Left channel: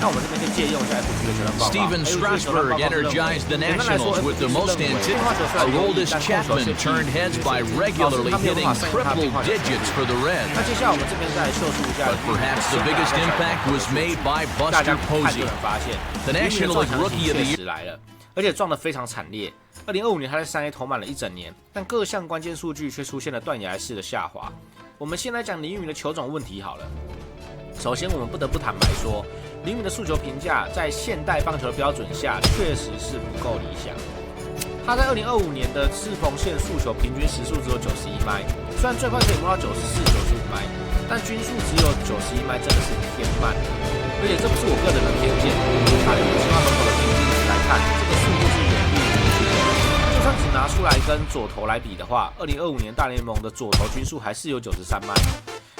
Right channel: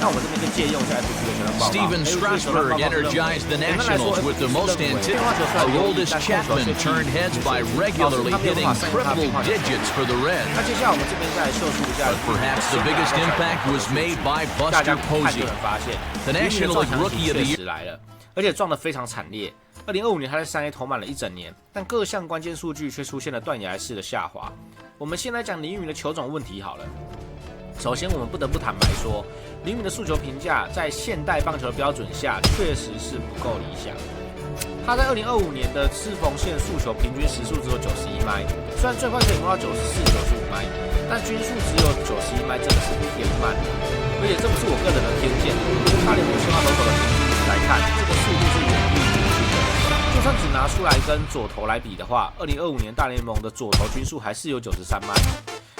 那我们这边就借用一下 FG 的球团报告。Steven Strasburg energized the Nationals with the most anticipated. Aroldis Chapman turned heads by regularly hitting triple digits for the Reds. 那接下来我们这边再秀出一下 But perhaps the biggest impact was made by Buster Posey. 发现 The National League Rookie of the Year 来了，而且撞得非常惨烈。2025年他在3A 投满了一整年，但各项关键数据却出现了断崖式的下滑。我们先来讲林育民的球种问题好了。首先，我们不得不坦白说，林育民的速球评价在现代棒球的标准下确实是不够理想。他在2025年的赤缝线速球平均时速只有91迈，虽然最快可以摸到94、95迈，但均速只有91迈，真的是偏慢的。而且这不是我个人的偏见，从大联盟青蛙投手的平均值来看，这个速度是远低于平均的。就算只拿出来跟左投来比的话，2025年大联盟的左投均速还是有93迈。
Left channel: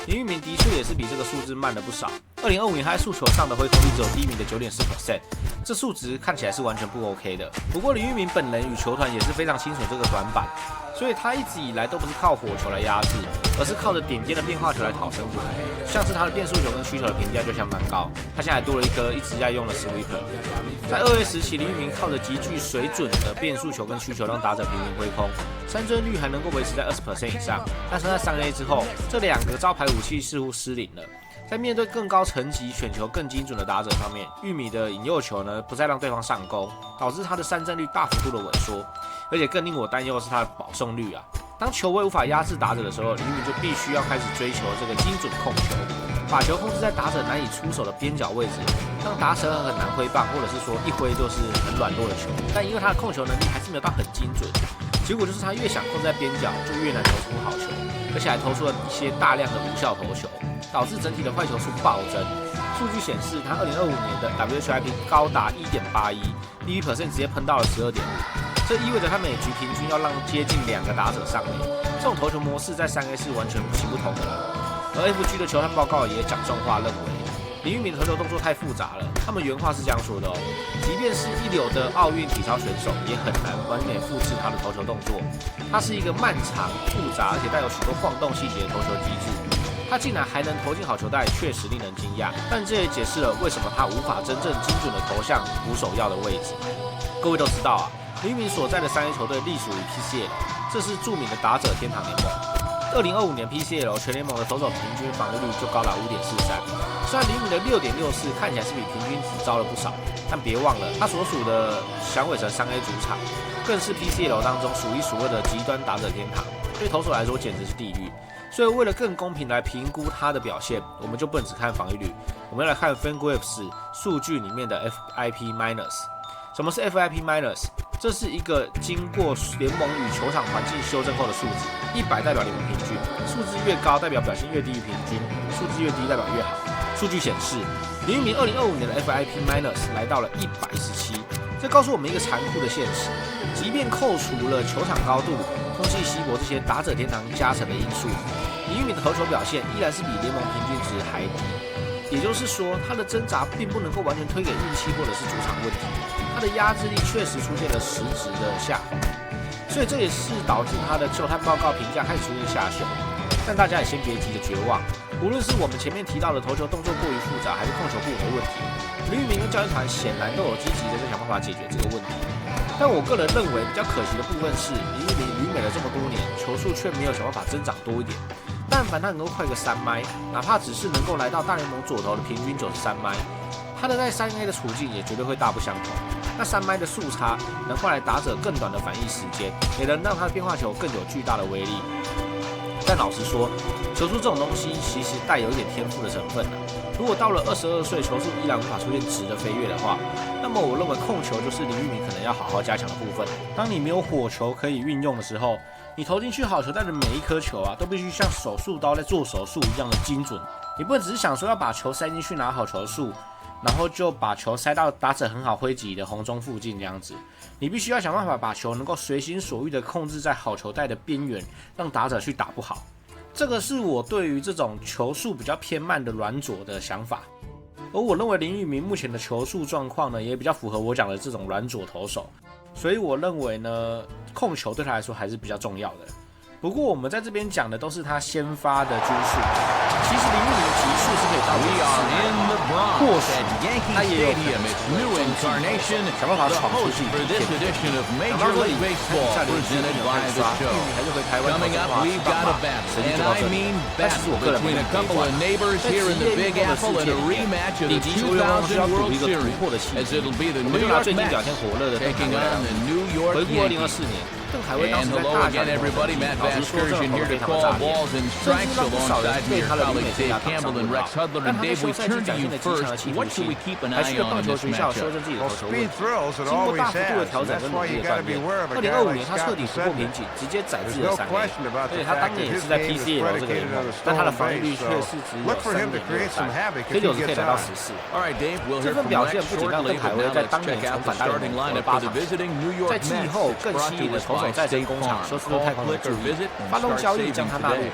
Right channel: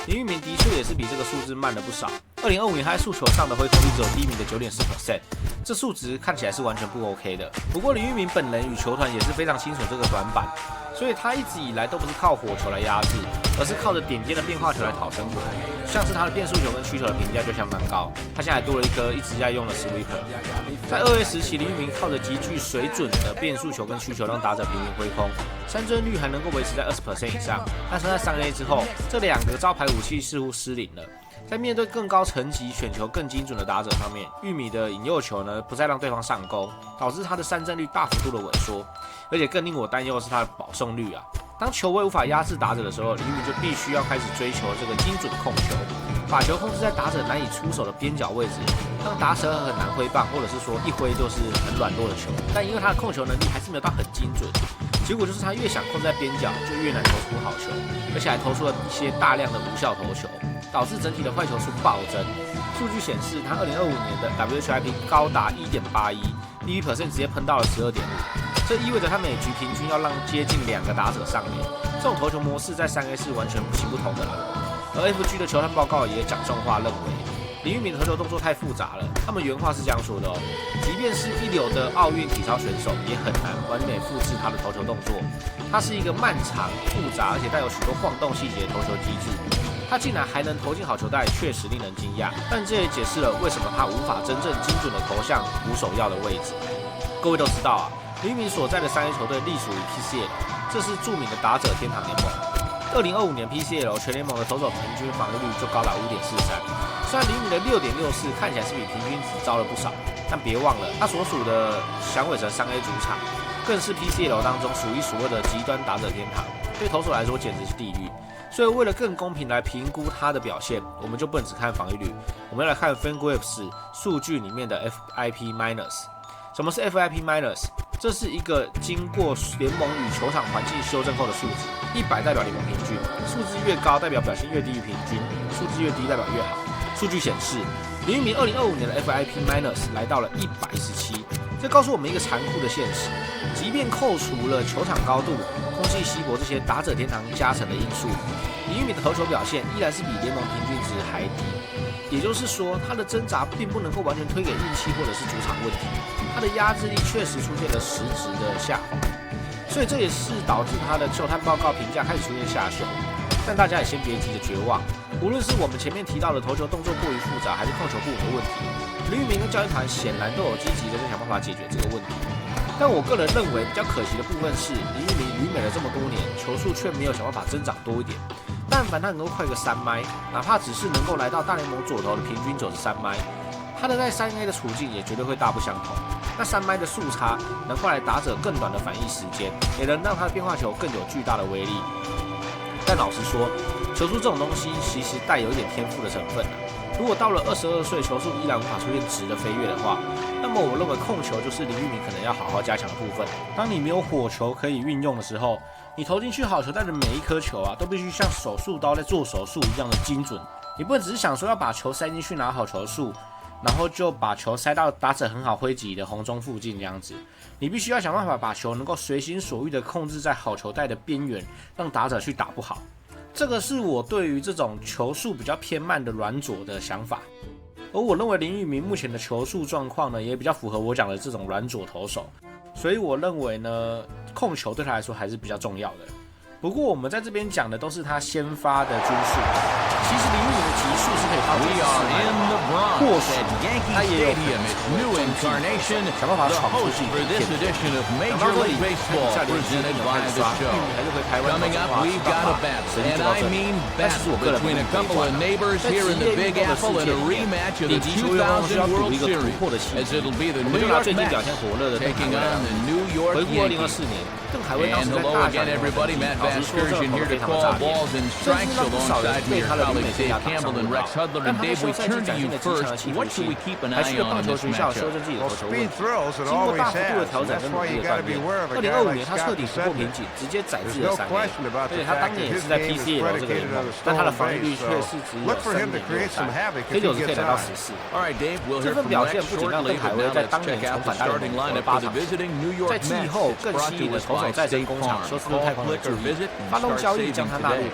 林育民的确也是比这个数字慢了不少。2025年他在速球上的挥空率只有第一名的 9.4%， 这数值看起来是完全不 OK 的。不过林育民本人与球团也是非常清楚这个短板，所以他一直以来都不是靠火球来压制，而是靠着点尖的变化球来讨生活。像是他的变速球跟曲球的评价就相当高，他现在还多了一颗一直在用的 sweeper。在2A 时期，林育民靠着极具水准的变速球跟曲球让打者频频挥空，三振率还能够维持在 20% 以上。但是在3A 之后，这两个招牌武器似乎失灵了。在面对更高层级、选球更精准的打者方面，玉米的引诱球呢不再让对方上钩，导致他的三振率大幅度的萎缩。而且更令我担忧的是他的保送率啊。当球威无法压制打者的时候，林育民就必须要开始追求这个精准控球，把球控制在打者难以出手的边角位置，让打者很难挥棒，或者是说一挥就是很软弱的球。但因为他的控球能力还是没有到很精准，结果就是他越想控制在边角，就越难投出好球，而且还投出了一些大量的无效投球，导致整体的坏球数暴增。数据显示，他2025年的 WHIP 高达 1.81，BB% 直接喷到了 12.5， 这意味着他每局平均要让接近2个打者上垒。这种投球模式在3A 是完全行不通的了。而 FG 的球探报告也讲重话，认为林育民的投球动作太复杂了。他们原话是这样说的哦：即便是一流的奥运体操选手，也很难完美复制他的投球动作。它是一个漫长、复杂而且带有许多晃动细节的投球机制。他竟然还能投进好球带，确实令人惊讶。但这也解释了为什么他无法真正精准的投向捕手要的位置。各位都知道啊，林育民所在的3A 球队隶属于 PCL， 这是著名的打者天堂联盟。2025年 PCL 全联盟的投手平均防御率就高达 5.43。虽然林育民的 6.64 看起来是比平均值高了不少，但别忘了他所属的响尾蛇3A 主场更是 PCL 当中数一数二的极端打者天堂，对投手来说简直是地狱。所以为了更公平来评估他的表现，我们就不能只看防御率，我们要来看 FanGraphs 数据里面的 FIP-。什么是 FIP-？ 这是一个经过联盟与球场环境修正后的数值，100代表联盟平均，数字越高代表表现越低于平均，数字越低代表越好。数据显示，林育民2025年的 FIP- 来到了117，这告诉我们一个残酷的现实：即便扣除了球场高度、空气稀薄这些打者天堂加成的因素，林育民的投球表现依然是比联盟平均值还低。也就是说，他的挣扎并不能够完全推给运气或者是主场问题，他的压制力确实出现了实质的下滑，所以这也是导致他的球探报告评价开始出现下修。但大家也先别急着绝望，无论是我们前面提到的投球动作过于复杂，还是控球不稳的问题，林育民跟教练团显然都有积极的在想办法解决这个问题。但我个人认为比较可惜的部分是，林育民旅美了这么多年，球速却没有想办法增长多一点。但凡他能够快个3迈，哪怕只是能够来到大联盟左投的平均93迈，他的在3A 的处境也绝对会大不相同。那3迈的速差能换来打者更短的反应时间，也能让他的变化球更有巨大的威力。但老实说，球速这种东西其实带有一点天赋的成分啊。如果到了22岁，球速依然无法出现质的飞跃的话，那么我认为控球就是林育民可能要好好加强的部分。当你没有火球可以运用的时候，你投进去好球带的每一颗球啊，都必须像手术刀在做手术一样的精准。你不能只是想说要把球塞进去拿好球数，然后就把球塞到打者很好挥击的红中附近这样子。你必须要想办法把球能够随心所欲的控制在好球带的边缘，让打者去打不好。这个是我对于这种球速比较偏慢的软左的想法。而我认为林育民目前的球速状况呢，也比较符合我讲的这种软左投手。所以我认为呢，控球对他来说还是比较重要的。不过我们在这边讲的都是他先发的均速，其实林玉明的级数是可以到94 We are in the Bronx at Yankee Stadium. Its new incarnation, the host for this edition of Major League Baseball, presented by the show. Coming up, we've got a battle, and I mean battle, between a couple of neighbors here in the Big Apple and a rematch of the 2000 World Series, as it'll be the New York Mets taking on the New York Yankees. And hello again, everybody. Matt Vasgersian here to call balls and strikes alongside me, your colleagues Dave Campbell and Rex Hudler. And Dave, we turn to you first. What should we keep an eye on in this matchup? Well, speed thrills, it always has. That's why you got to be aware of a guy like Scott Descendant. There's no question about the fact that his game is predicated on a stolen base, so look for him to create some havoc if he gets on. All right, Dave, we'll hear from Rex shortly, but now let's check out the starting lineup for the visiting New York Mets. It's brought to us by State Farm. Call, click, or visit and start saving today.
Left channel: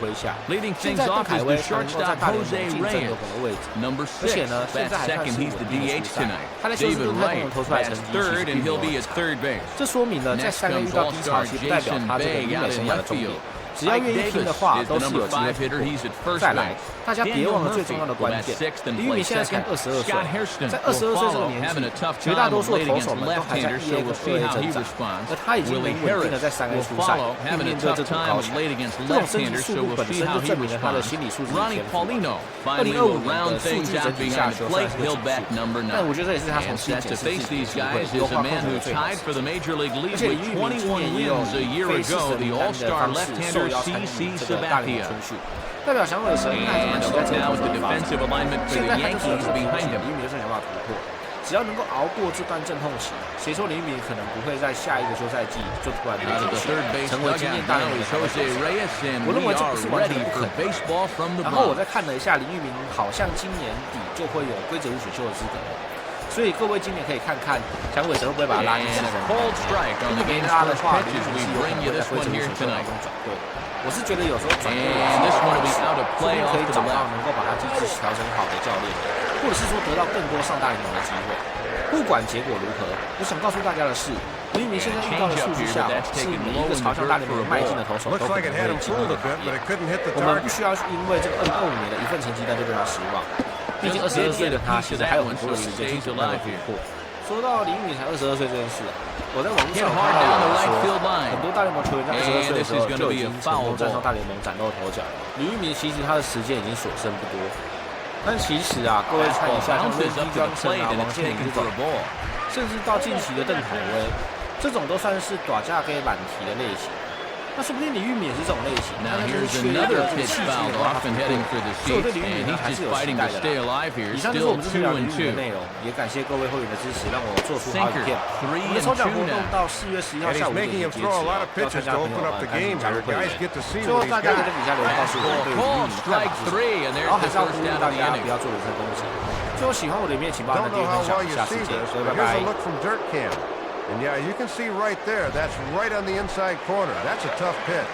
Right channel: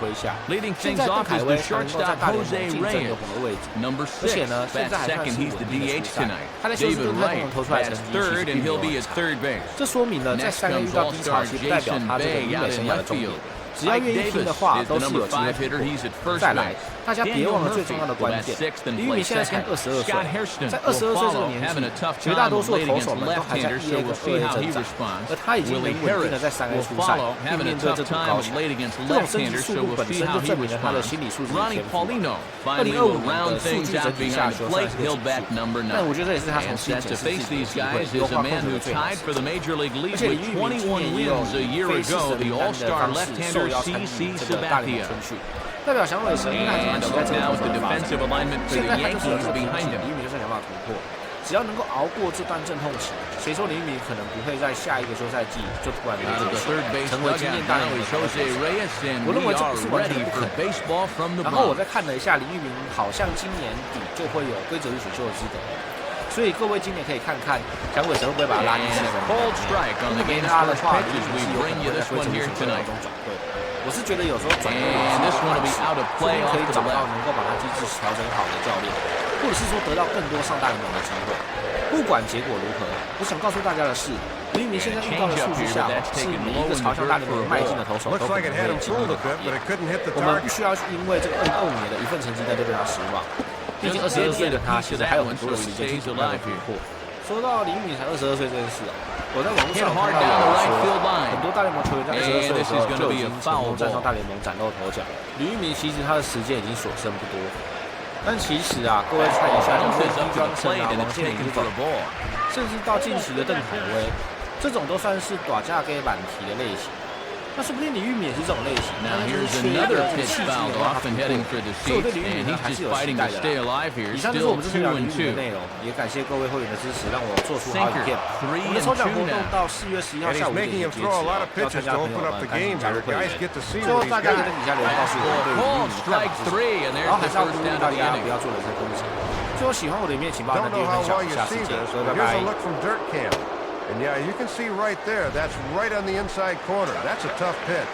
Leading things off is the shortstop Jose Reyes. Number 6 bats second. He's the DH tonight. David Wright bats third, and he'll be at third base. Next comes All-Star Jason Bay out in left field. 只要愿意拼的话，都是有机会突破。再来，大家别忘了最重要的关键，林玉明现在才22岁，在22岁这个年纪，绝大多数的投手们都还在1A 跟2A 挣扎，而他已经能稳定的在3A 出赛，并面对这组高墙。这种身体速度本身就证明了他的心理素质与天赋。2025年的数据整体下球算是个起步，但我觉得这也是他重新检视自己的机会，优化控制的最好。而且林玉明今年也有以费氏神名单的方式受邀参与这个大联盟春训，代表响尾蛇应该还是蛮期待这个投手的发展。现在他就是有这个瓶颈，林玉明就算想办法突破，只要能够熬过这段阵痛期，谁说林玉明可能不会在下一个休赛季就突然的结束，成为经验大联盟的投手？我认为这不是完全的不可能。然后我再看了一下，林玉明好像今年底就会有规则五选秀的资格了。所以各位今年可以看看响尾蛇会不会把他拉进4人名单里面。如果没拉的话，林玉明是有可能会在规则五选秀当中转队。我是觉得有时候转队也是有关系，说不定可以找到能够把他机制调整好的教练，或者是说得到更多上大联盟的机会。不管结果如何，我想告诉大家的是，林玉明现在遇到的数据下，是每一个朝向大联盟迈进的投手都可能会经历的考验。我们不需要因为这个2025年的一份成绩单就对他失望。毕竟22岁的他，其实还有很多的时间去不断的突破。说到林玉明才22岁这件事啊，我在网络上看到有人说，很多大联盟球员在22岁的时候就已经成功站上大联盟崭露头角了。林玉明其实他的时间已经所剩不多，但其实啊，各位看一下，像温基庄胜啊、王建民这种，甚至到近期的邓凯威，这种都算是短价给满题的类型。那说不定李玉明也是这种类型，但他就是缺一个这个气质的话，他突破。所以我对李玉明还是有期待的啦。以上就是我们这次聊李玉明的内容，也感谢各位会员的支持，让我做出好影片。我们的抽奖活动到4月11号下午5点截止，要参加的朋友们赶紧加入会员。最后大家可以在底下留言告诉我对于李玉明的看法是什么，然后还是要呼吁大家不要做人身攻击。最后喜欢我的影片，请帮我订阅分享，下次见，各位拜拜。And yeah, you can see right there, that's right on the inside corner. That's a tough pitch.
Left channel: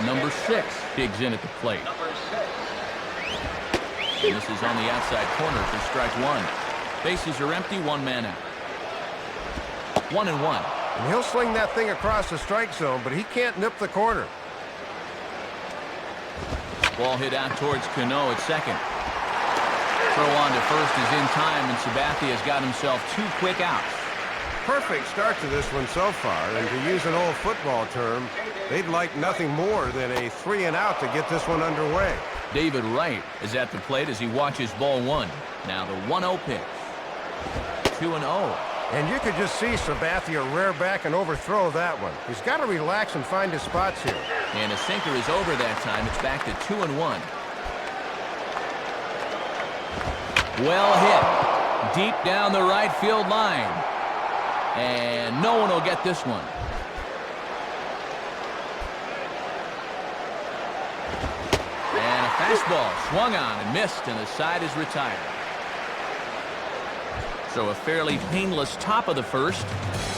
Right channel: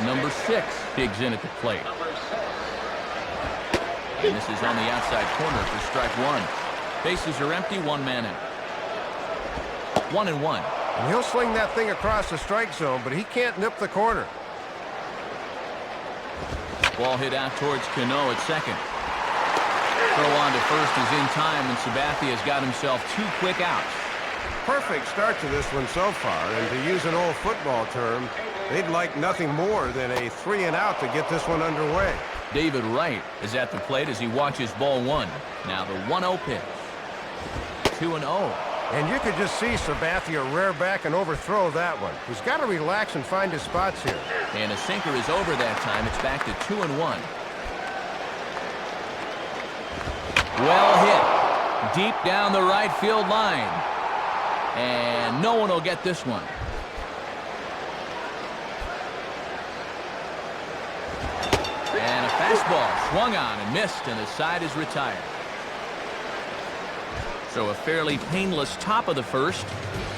Number 6 digs in at the plate. And this is on the outside corner for strike 1. Bases are empty, 1 man out. 1-1. And he'll sling that thing across the strike zone, but he can't nip the corner. Ball hit out towards Cano at second. Throw on to first is in time, and Sabathia has got himself 2 quick outs. Perfect start to this one so far, and to use an old football term, they'd like nothing more than a 3-and-out to get this one underway. David Wright is at the plate as he watches ball 1. Now the 1-0 pitch. 2-0. And you could just see Sabathia rear back and overthrow that one. He's got to relax and find his spots here. And a sinker is over that time. It's back to 2-1. Well hit. Deep down the right field line. And no one will get this one. And a fastball swung on and missed, and the side is retired. So a fairly painless top of the first.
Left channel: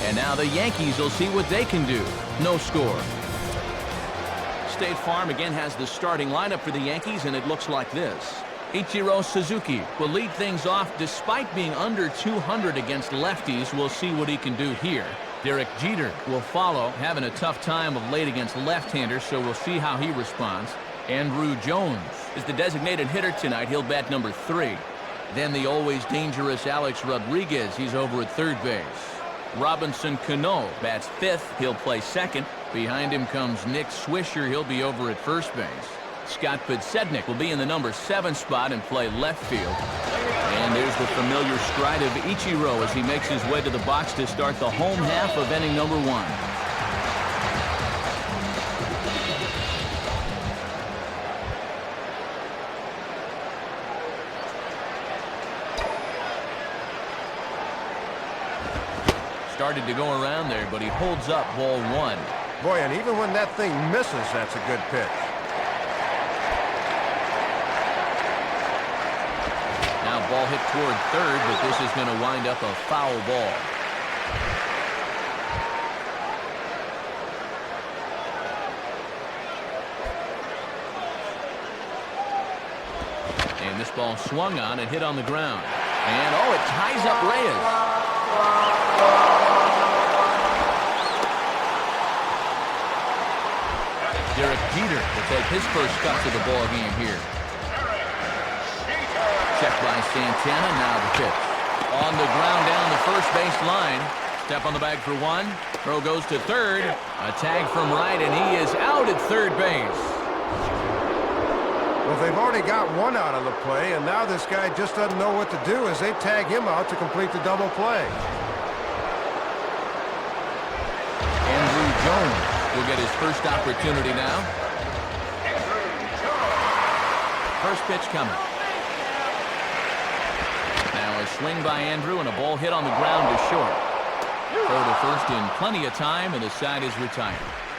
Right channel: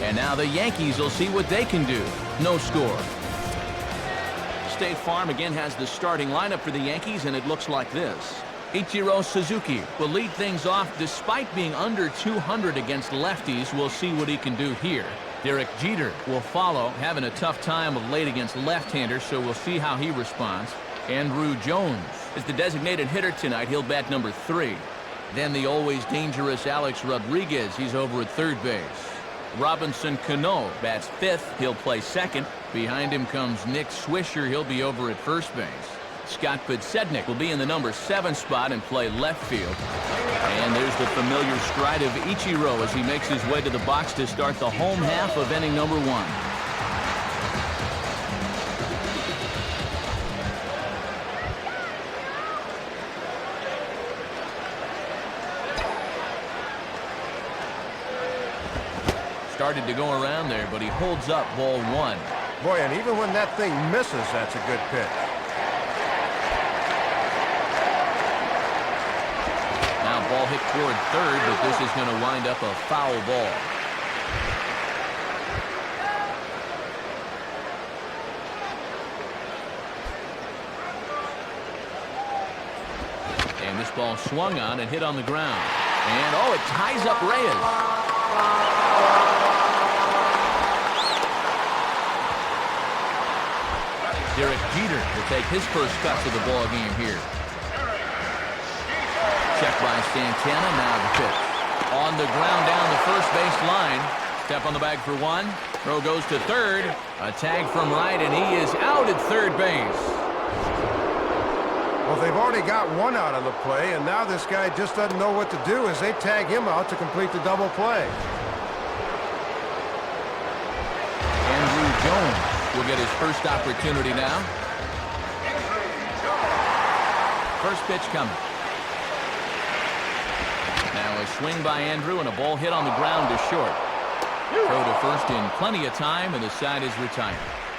And now the Yankees will see what they can do. No score. State Farm again has the starting lineup for the Yankees, and it looks like this. Ichiro Suzuki will lead things off despite being under 200 against lefties. We'll see what he can do here. Derek Jeter will follow, having a tough time of late against left-handers, so we'll see how he responds. Andrew Jones is the designated hitter tonight. He'll bat number 3. Then the always dangerous Alex Rodriguez. He's over at third base. Robinson Cano bats 5th. He'll play 2nd. Behind him comes Nick Swisher. He'll be over at first base. Scott Podsednik will be in the number 7 spot and play left field. And there's the familiar stride of Ichiro as he makes his way to the box to start the home half of inning number 1. Started to go around there, but he holds up ball 1. Boy, and even when that thing misses, that's a good pitch. Now ball hit toward third, but this is going to wind up a foul ball. And this ball swung on and hit on the ground. And, oh, it ties up Reyes. Derek Jeter will take his first cut to the ball game here. Check by Santana. Now the pitch. On the ground down the first base line. Step on the bag for 1. Throw goes to third. A tag from right, and he is out at third base. Well, they've already got 1 out of the play, and now this guy just doesn't know what to do as they tag him out to complete the double play. Andrew Jones will get his first opportunity now. First pitch coming. Now a swing by Andrew and a ball hit on the ground to short. Throw to first in plenty of time, and the side is retired.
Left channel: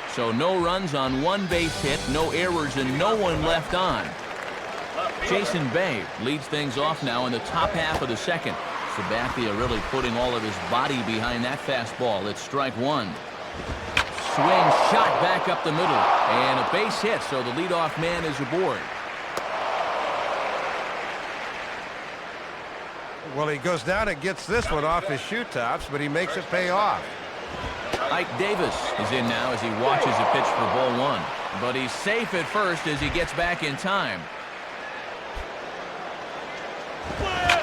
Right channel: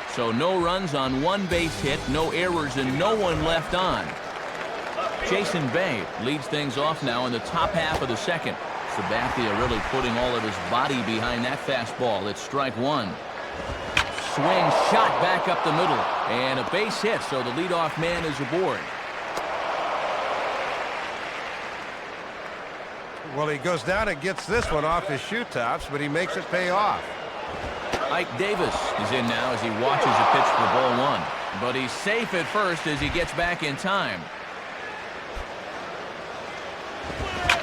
So no runs on 1 base hit, no errors, and no one left on. Jason Bay leads things off now in the top half of the second. Sabathia really putting all of his body behind that fastball. It's strike 1. Swing, shot back up the middle, and a base hit, so the leadoff man is aboard. Well, he goes down and gets this one off his shoe tops, but he makes it pay off. Ike Davis is in now as he watches a pitch for ball 1. But he's safe at first as he gets back in time.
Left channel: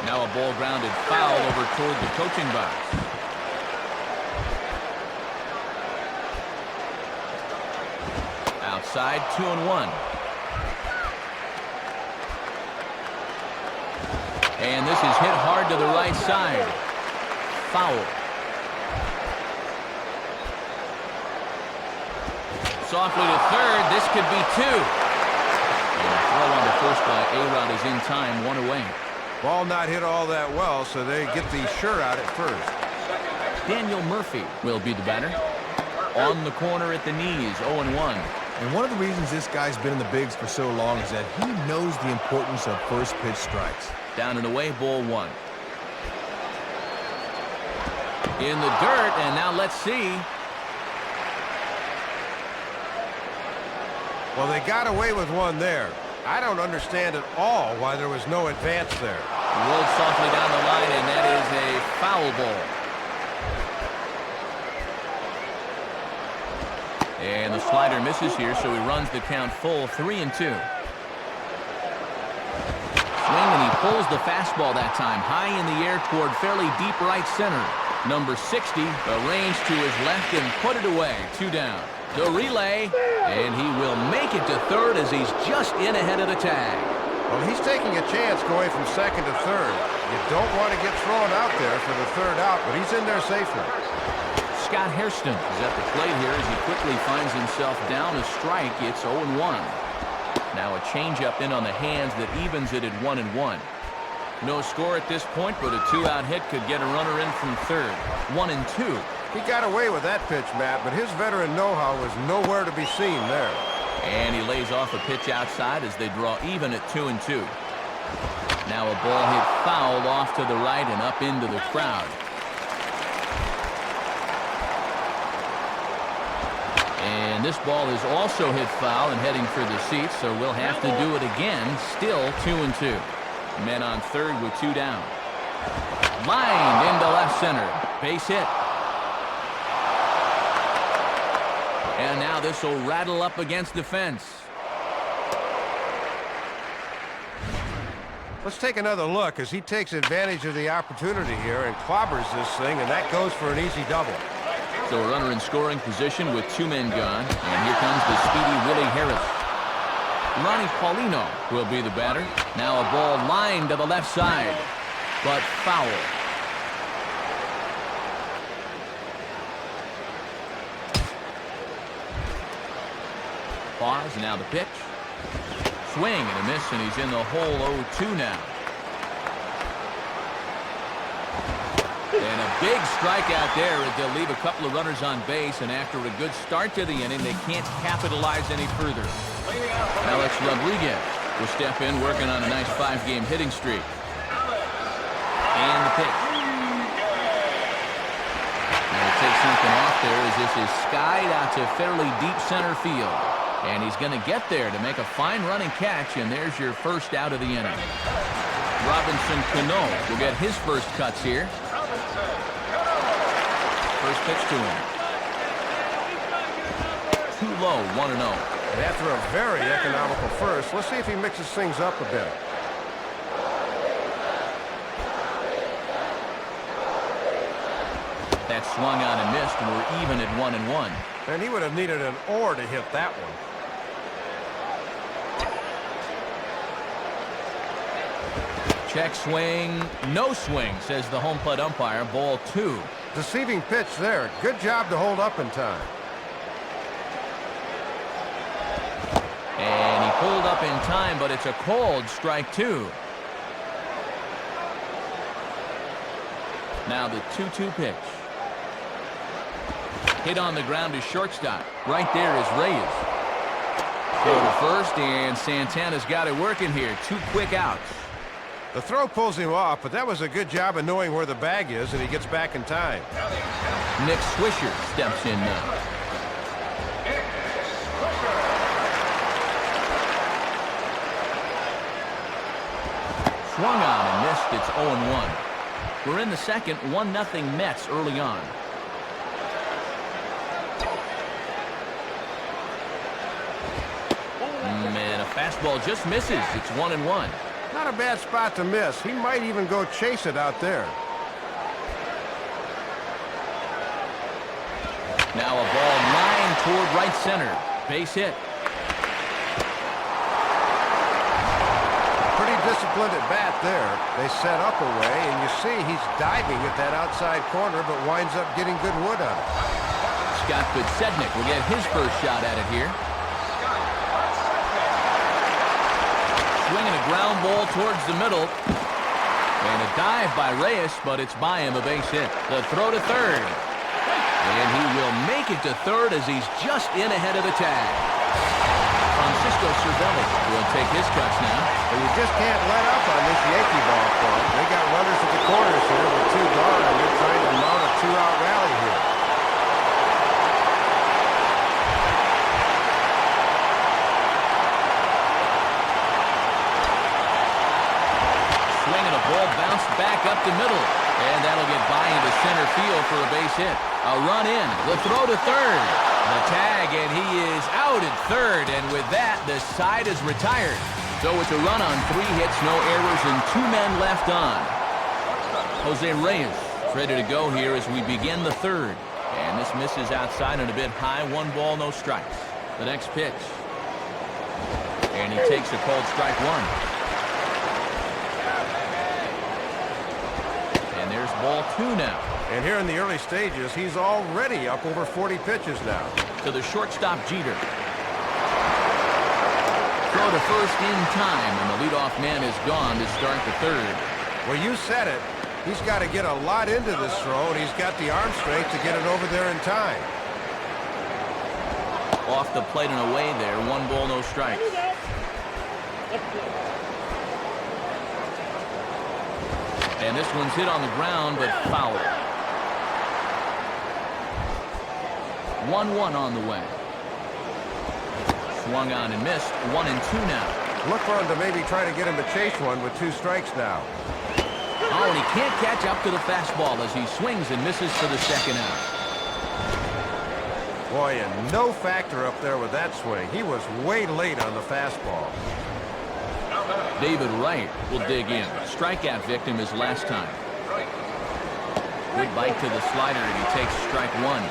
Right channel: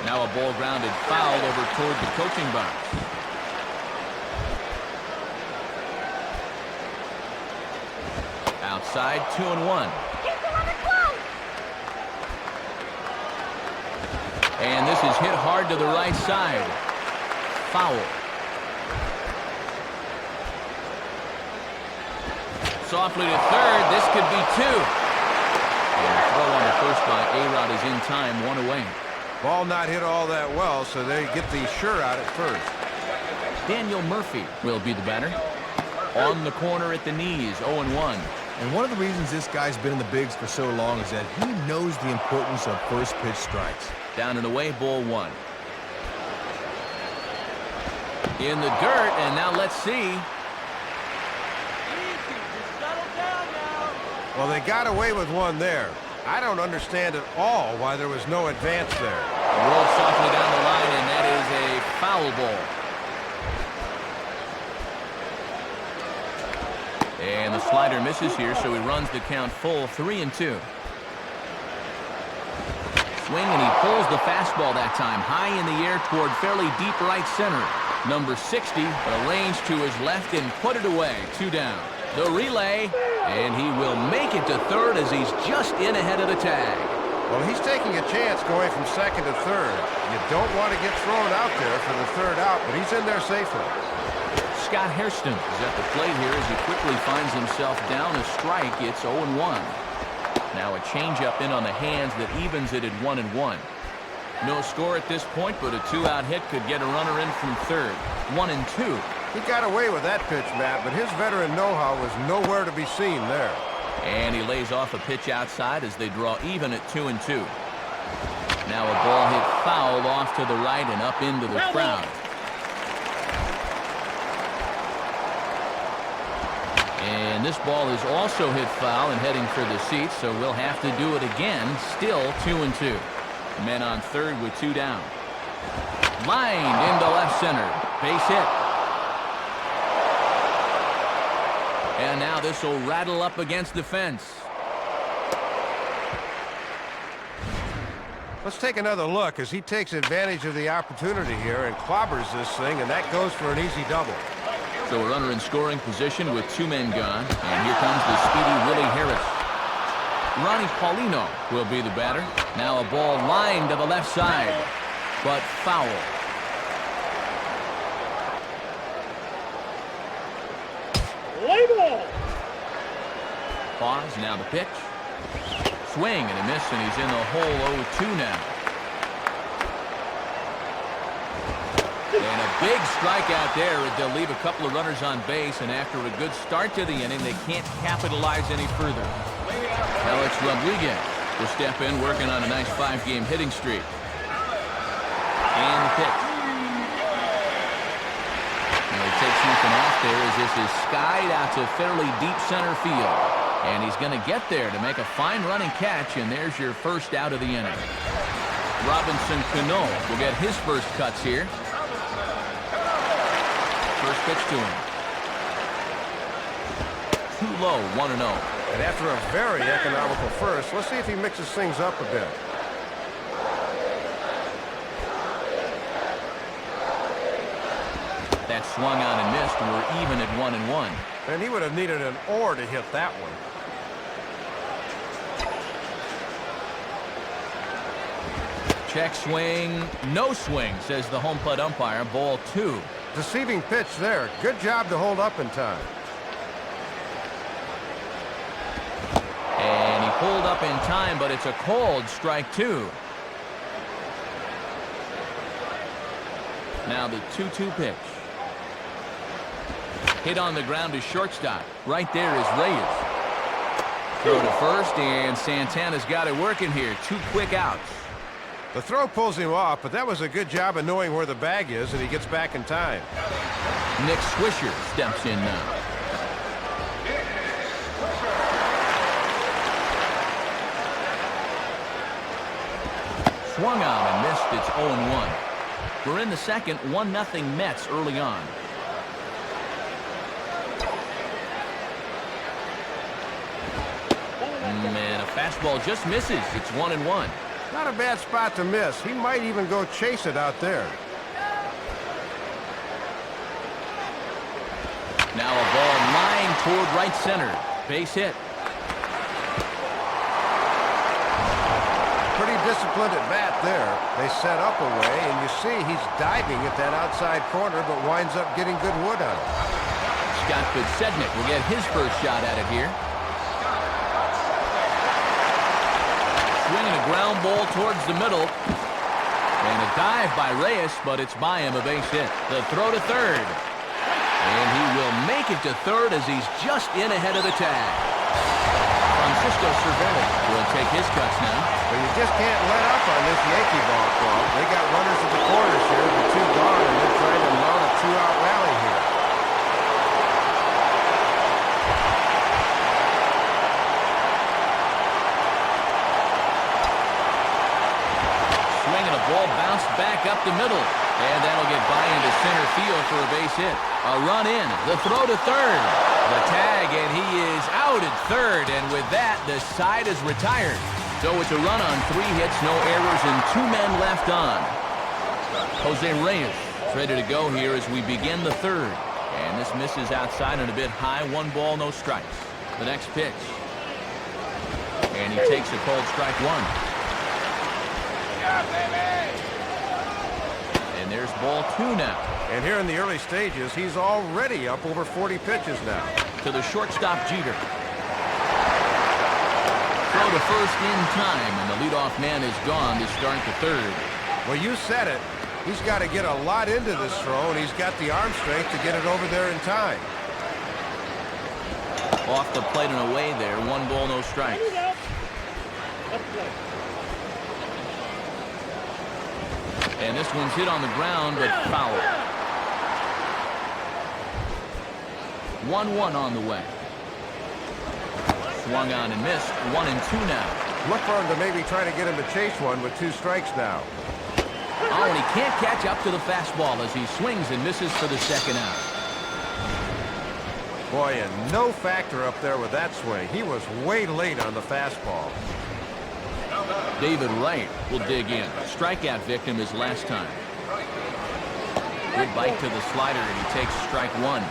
Now a ball grounded foul over toward the coaching box. Outside, 2-1. And this is hit hard to the right side. Foul. Softly to third. This could be 2. And a throw on the first by A-Rod is in time, 1 away. Ball not hit all that well, so they get the sure out at first. Daniel Murphy will be the batter. On the corner at the knees, 0-1. And one of the reasons this guy's been in the bigs for so long is that he knows the importance of first pitch strikes. Down and away, ball 1. In the dirt, and now let's see. Well, they got away with 1 there. I don't understand at all why there was no advance there. Rolled softly down the line, and that is a foul ball. And the slider misses here, so he runs the count full, 3-2. Swing, and he pulls the fastball that time high in the air toward fairly deep right center. Number 60 arranged to his left and put it away. 2 down. The relay, and he will make it to third as he's just in ahead of the tag. Well, he's taking a chance going from second to third. You don't want to get thrown out there for the third out, but he's in there safely. Scott Hairston is at the plate here as he quickly finds himself down a strike. It's 0-1. Now a changeup in on the hands that evens it at 1-1. No score at this point, but a 2-out hit could get a runner in from third. 1-2. He got away with that pitch, Matt, but his veteran know-how was nowhere to be seen there. And he lays off a pitch outside as they draw even at 2-2. Now a ball hit foul off to the right and up into the crowd. And this ball is also hit foul and heading for the seats, so we'll have to do it again. Still 2-2. Men on third with 2 down. Lined into left center. Base hit. And now this will rattle up against the fence. Let's take another look as he takes advantage of the opportunity here and clobbers this thing, and that goes for an easy double. So a runner in scoring position with 2 men gone, and here comes the speedy Willie Harris. Ronnie Paulino will be the batter. Now a ball lined to the left side, but foul. Pause, now the pitch. Swing and a miss, and he's in the hole 0-2 now. And a big strikeout there as they'll leave a couple of runners on base, and after a good start to the inning, they can't capitalize any further. Alex Rodriguez will step in, working on a nice 5-game hitting streak. And the pitch. Now he takes something off there as this is skied out to fairly deep center field. And he's going to get there to make a fine running catch, and there's your first out of the inning. Robinson Cano will get his first cuts here. First pitch to him. Too low, 1-0. And after a very economical first, let's see if he mixes things up a bit. That swung on and missed, and we're even at 1-1. And he would have needed an or to hit that one. Check swing, no swing, says the home plate umpire. Ball 2. Deceiving pitch there. Good job to hold up in time. And he pulled up in time, but it's a called strike 2. Now the 2-2 pitch. Hit on the ground to shortstop. Right there is Reyes. Throw to first, and Santana's got it working here. 2 quick outs. The throw pulls him off, but that was a good job of knowing where the bag is, and he gets back in time. Nick Swisher steps in now. Swung on and missed. It's 0-1. We're in the second, 1-0 Mets early on. And a fastball just misses. It's 1-1. Not a bad spot to miss. He might even go chase it out there. Now a ball lined toward right center. Base hit. Pretty disciplined at bat there. They set up away, and you see he's diving at that outside corner, but winds up getting good wood on it. Scott Podsednik will get his first shot at it here. Swinging a ground ball towards the middle. And a dive by Reyes, but it's by him, a base hit. The throw to third. And he will make it to third as he's just in ahead of the tag. Francisco Cervelli will take his cuts now. But you just can't let up on this Yankee ball club. They got runners at the corners here with 2 gone, and they're trying to mount a 2-out rally here. Swinging a ball bounced back up the middle. And that'll get by into center field for a base hit. A run in. The throw to third. The tag, and he is out at third. And with that, the side is retired. So it's a run on 3 hits, no errors, and 2 men left on. Jose Reyes is ready to go here as we begin the third. And this misses outside and a bit high. 1 ball, no strikes. The next pitch. And he takes a called strike 1. And there's ball 2 now. And here in the early stages, he's already up over 40 pitches now. To the shortstop, Jeter. Throw to first in time, and the leadoff man is gone to start the third. Well, you said it. He's got to get a lot into this throw, and he's got the arm strength to get it over there in time. Off the plate and away there. 1 ball, no strikes. Let's play. And this one's hit on the ground, but foul. 1-1 on the way. Swung on and missed. 1-2 now. Look for him to maybe try to get him to chase one with 2 strikes now. Oh, and he can't catch up to the fastball as he swings and misses for the second out. Boy, and no factor up there with that swing. He was way late on the fastball. David Wright will dig in. Strikeout victim his last time. Good bite to the slider, and he takes strike one.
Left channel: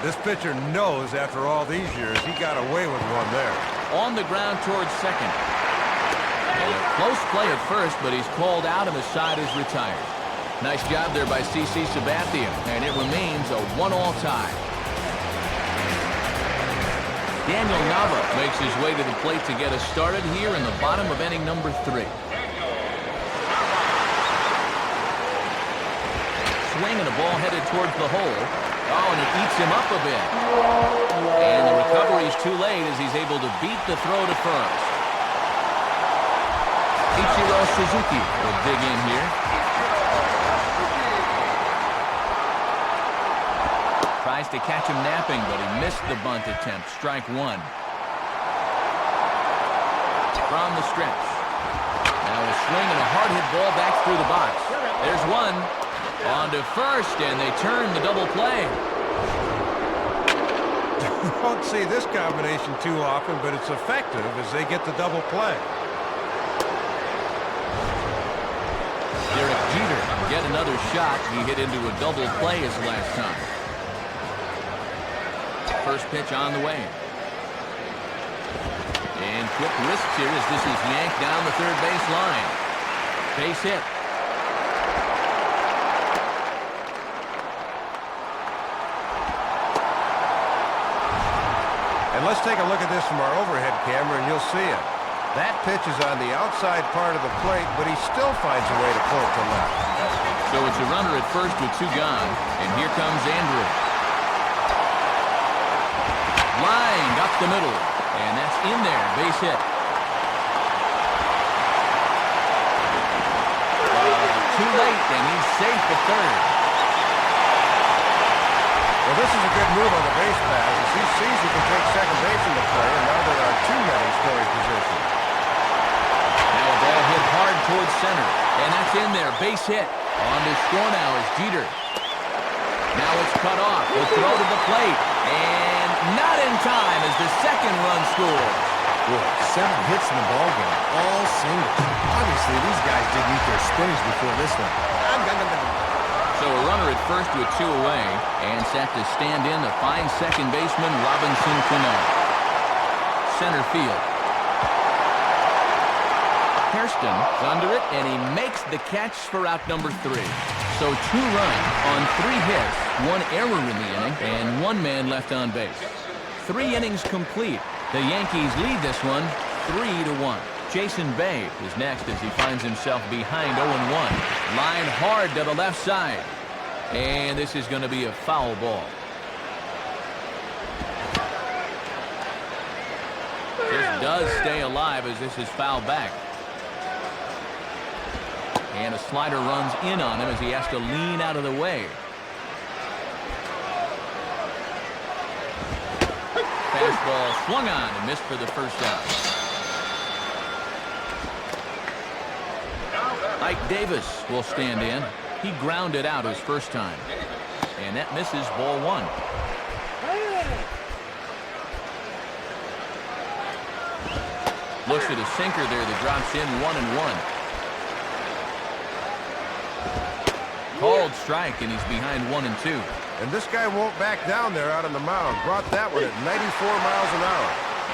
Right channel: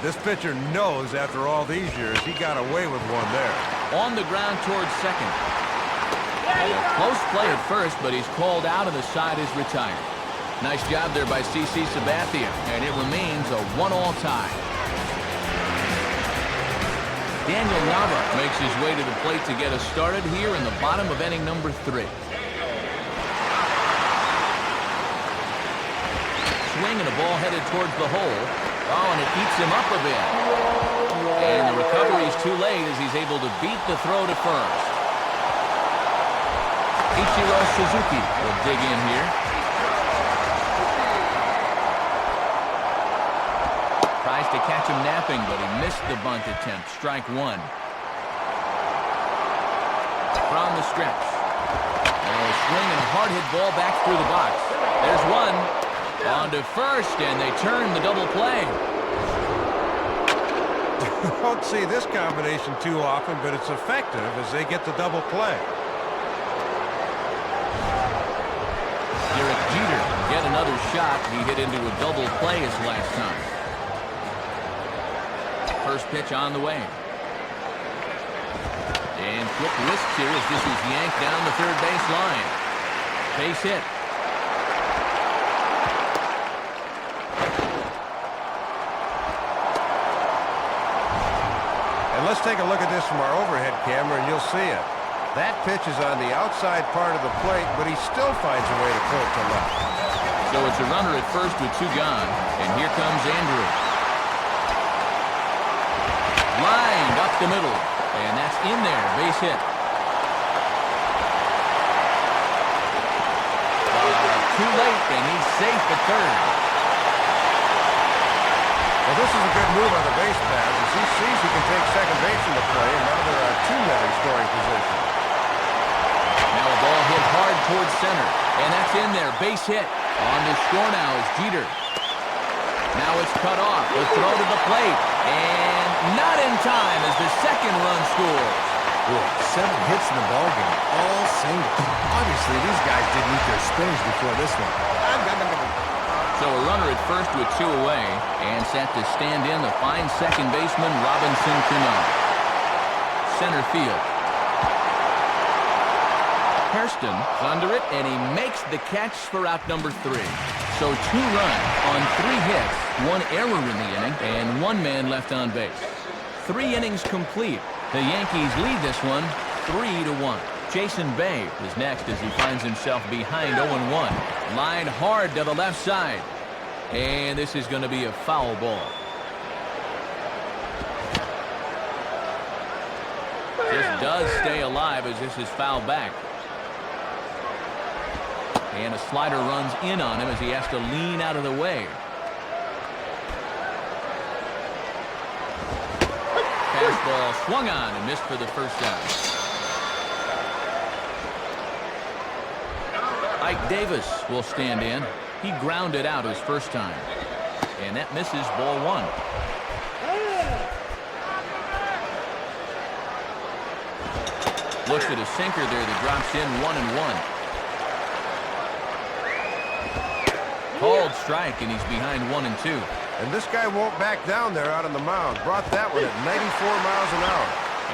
This pitcher knows after all these years he got away with one there. On the ground towards second. And a close play at first, but he's called out and the side is retired. Nice job there by CC Sabathia, and it remains a 1-all tie. Daniel Nava makes his way to the plate to get us started here in the bottom of inning number 3. Swing and a ball headed towards the hole. Oh, and it eats him up a bit. And the recovery's too late as he's able to beat the throw to first. Ichiro Suzuki will dig in here. Tries to catch him napping, but he missed the bunt attempt. Strike one. From the stretch. Now a swing and a hard hit ball back through the box. There's one. On to first, and they turn the double play. Don't see this combination too often, but it's effective as they get the double play. Derek Jeter will get another shot. He hit into a double play his last time. First pitch on the way. And quick wrists here as this is yanked down the third base line. Base hit. And let's take a look at this from our overhead camera, and you'll see it. That pitch is on the outside part of the plate, but he still finds a way to pull it to left. So it's a runner at first with 2 gone, and here comes Andrew. Lined up the middle, and that's in there, base hit. Too late, and he's safe at third. Well, this is a good move on the base pass as he sees he can take second base in the play, and now there are 2 men in scoring position. Now a ball hit hard towards center, and that's in there, base hit. On to score now is Jeter. Now it's cut off, the throw to the plate, and not in time as the second run scores. Boy, 7 hits in the ballgame, all singles. Obviously, these guys didn't eat their spinach before this one. So a runner at first with 2 away, and set to stand in the fine second baseman Robinson Cano. Center field. Hairston's under it, and he makes the catch for out number 3. So 2 runs on 3 hits, 1 error in the inning, and 1 man left on base. 3 innings complete. The Yankees lead this one 3-1. Jason Bay is next as he finds himself behind 0-1. Lined hard to the left side. And this is going to be a foul ball. Just does stay alive as this is fouled back. And a slider runs in on him as he has to lean out of the way. Fastball swung on and missed for the first out. Ike Davis will stand in. He grounded out his first time. And that misses ball 1. Looks at a sinker there that drops in 1-1. Called strike, and he's behind 1-2. And this guy won't back down there out on the mound. Brought that one at 94 miles an hour.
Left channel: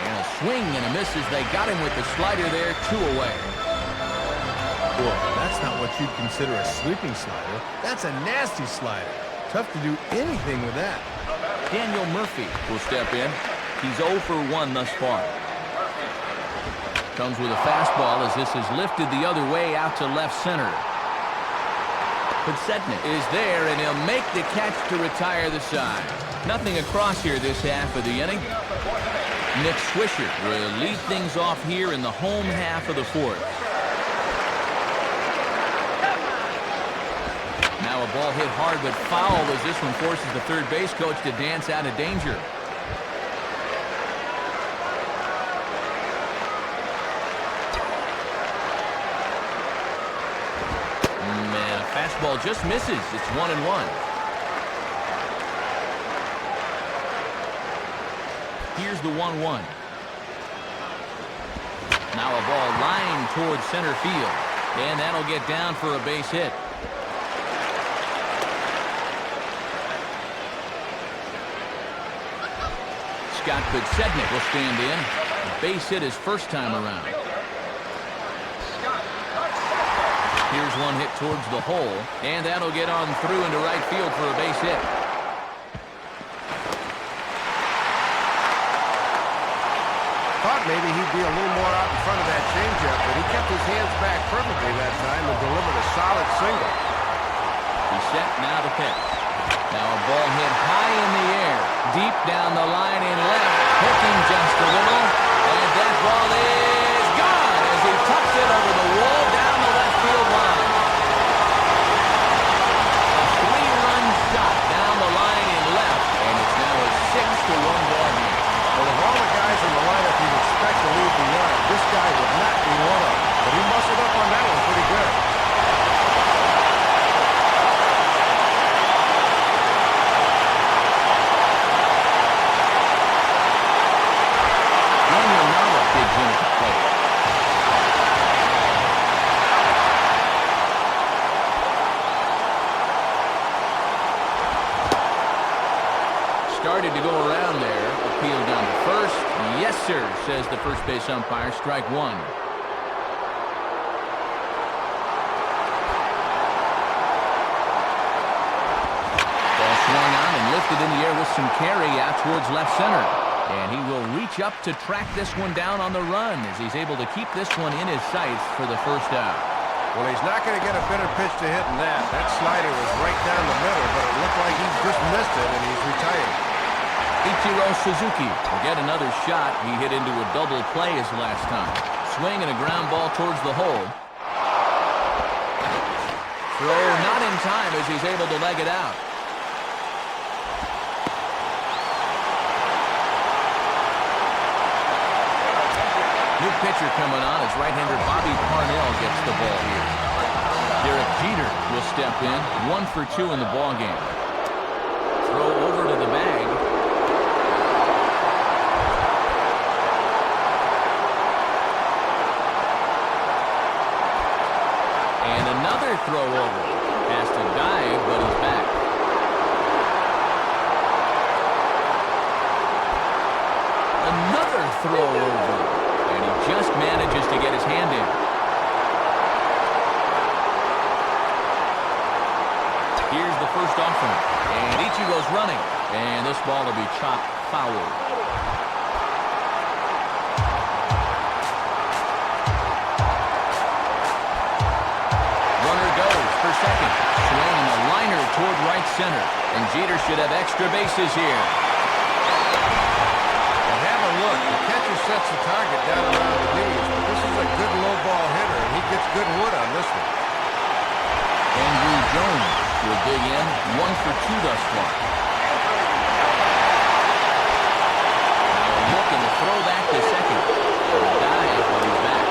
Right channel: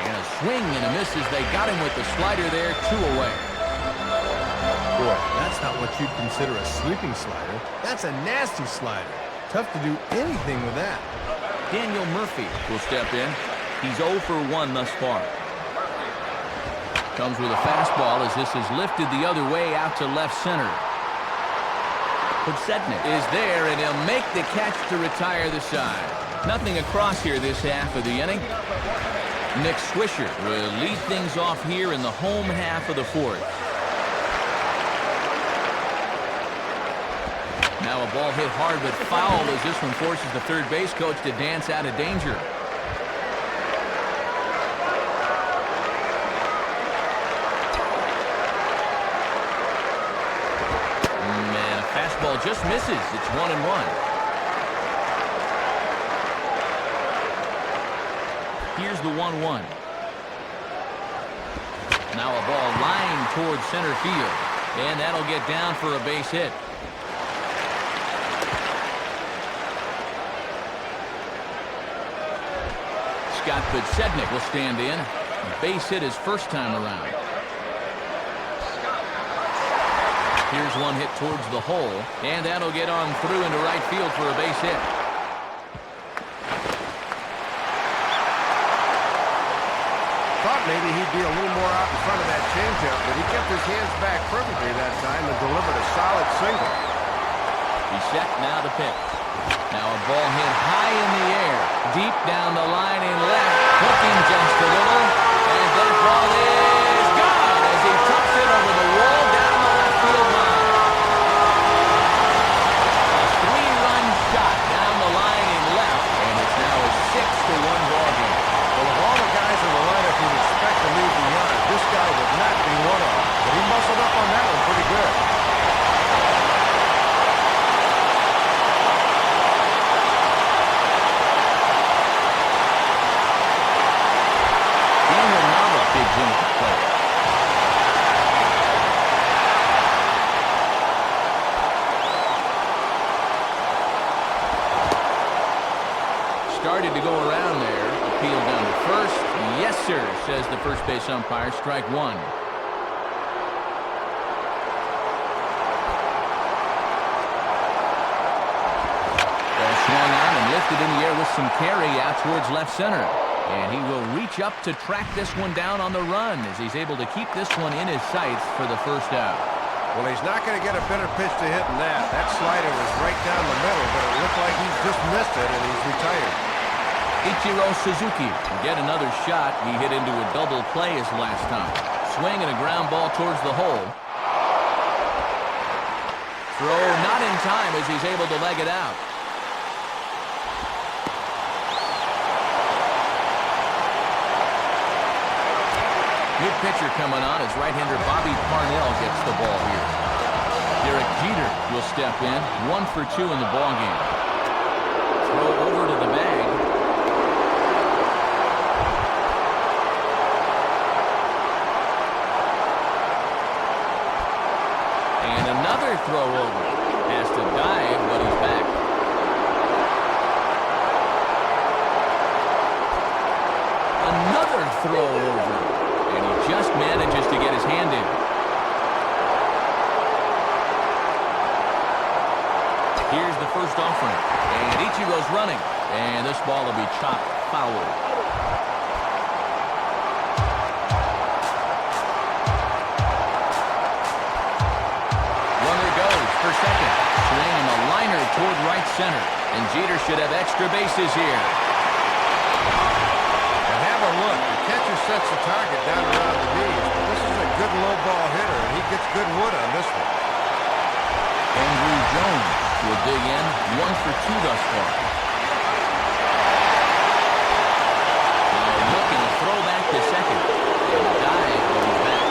And a swing and a miss as they got him with the slider there, 2 away. Boy, that's not what you'd consider a sweeping slider. That's a nasty slider. Tough to do anything with that. Daniel Murphy will step in. He's 0 for 1 thus far. Comes with a fastball as this is lifted the other way out to left center. Podsednik is there, and he'll make the catch to retire the side. Nothing across here this half of the inning. Nick Swisher will lead things off here in the home half of the 4th. Now a ball hit hard but foul as this one forces the third base coach to dance out of danger. And a fastball just misses. It's 1-1. Here's the 1-1. Now a ball lined towards center field, and that'll get down for a base hit. Scott Podsednik will stand in. A base hit his first time around. Here's one hit towards the hole, and that'll get on through into right field for a base hit. Thought maybe he'd be a little more out in front of that changeup, but he kept his hands back perfectly that time and delivered a solid single. He's set now to pitch. Now a ball hit high in the air, deep down the line in left, hooking just a little, and that ball is gone as he tucks it over the wall down the left field line. A 3-run shot down the line in left, and it's now a 6-1 ball game. Well, of all the guys in the lineup you'd expect to leave the yard, this guy would not be one of them. But he muscled up on that one pretty good. Daniel Nava digs in at the plate. Started to go around there. Appeal down to first. Yes, sir, says the first base umpire. Strike one. Ball swung on and lifted in the air with some carry out towards left center. And he will reach up to track this one down on the run as he's able to keep this one in his sights for the first out. Well, he's not going to get a better pitch to hit than that. That slider was right down the middle, but it looked like he just missed it, and he's retired. Ichiro Suzuki will get another shot. He hit into a double play his last time. Swing and a ground ball towards the hole. Throw not in time as he's able to leg it out. New pitcher coming on as right-hander Bobby Parnell gets the ball here. Derek Jeter will step in. 1 for 2 in the ball game. Throw over to the bag. And another throw over. Has to dive, but he's back. Another throw over. And he just manages to get his hand in. Here's the first offering. And Ichiro's running. And this ball will be chopped foul. Runner goes for second. Swing and a liner toward right center. And Jeter should have extra bases here. And have a look. The catcher sets the target down around the knees, but this is a good low ball hitter, and he gets good wood on this one. Andrew Jones will dig in. 1 for 2 thus far. Now a look and a throw back to second. And a dive, but he's back.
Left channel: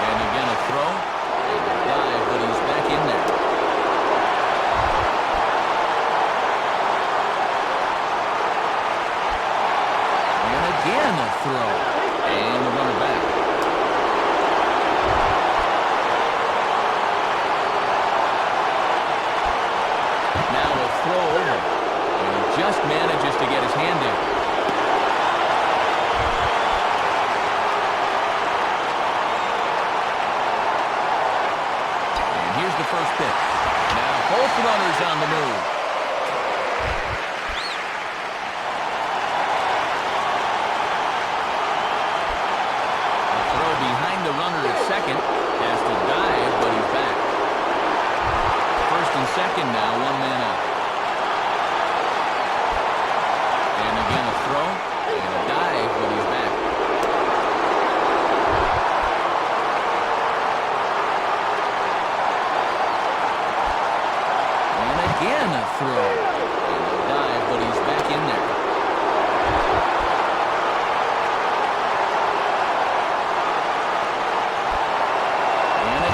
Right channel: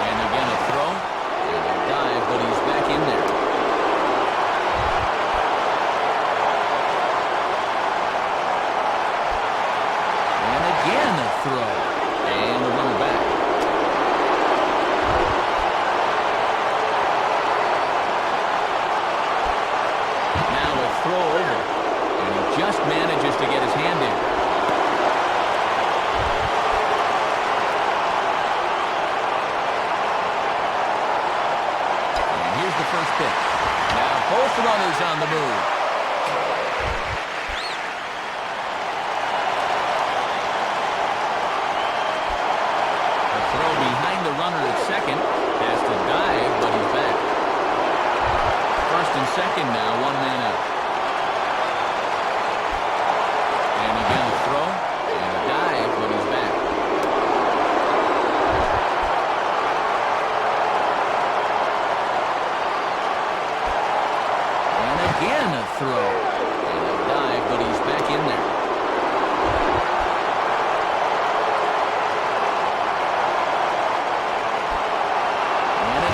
And again a throw. And a dive, but he's back in there. And again a throw. And the runner back. Now a throw over. And he just manages to get his hand in. And here's the first pitch. Now both runners on the move. Throw behind the runner at second. Has to dive, but he's back. First and second now, 1 man out. And again a throw. And a dive, but he's back. And again a throw. And a dive, but he's back in there.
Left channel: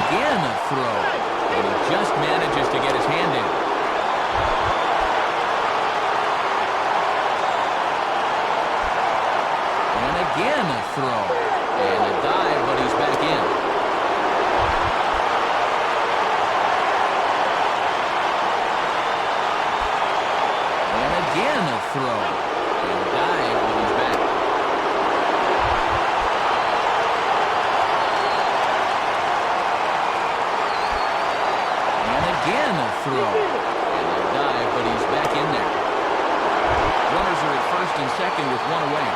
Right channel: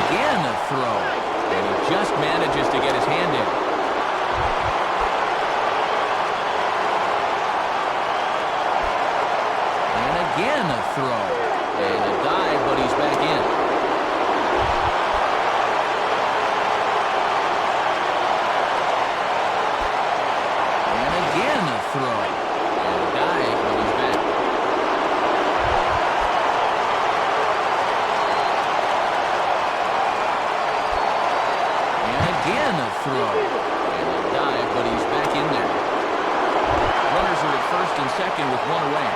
Again a throw, and he just manages to get his hand in. again a throw. And a dive, but he's back in. And again a throw. And a dive, but he's back. And again a throw. And a dive, but he's back in there. Runners are at first and second with one away.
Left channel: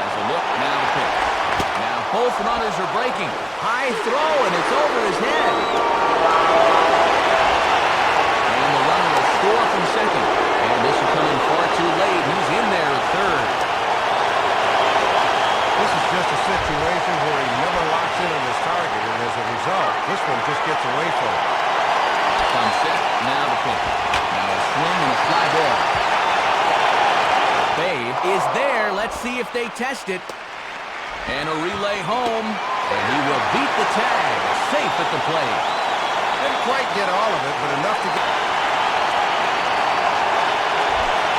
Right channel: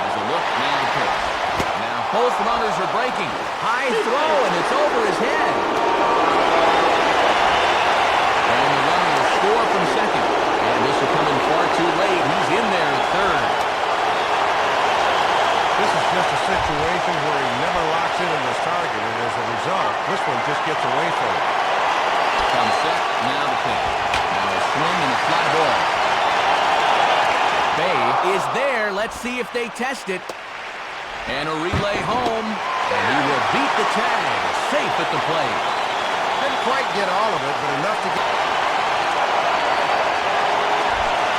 Has a look, now the pitch. Now both runners are breaking. High throw, and it's over his head. And the runner will score from second. And this will come in far too late. He's in there at third. This is just a situation where he never locks in on his target, and as a result, this one just gets away from him. Comes set, now the pitch. Now a swing and a fly ball. Bay is there. Let's see if they test it. And a relay home. And he will beat the tag. Safe at the plate. Didn't quite get all of it, but enough to get...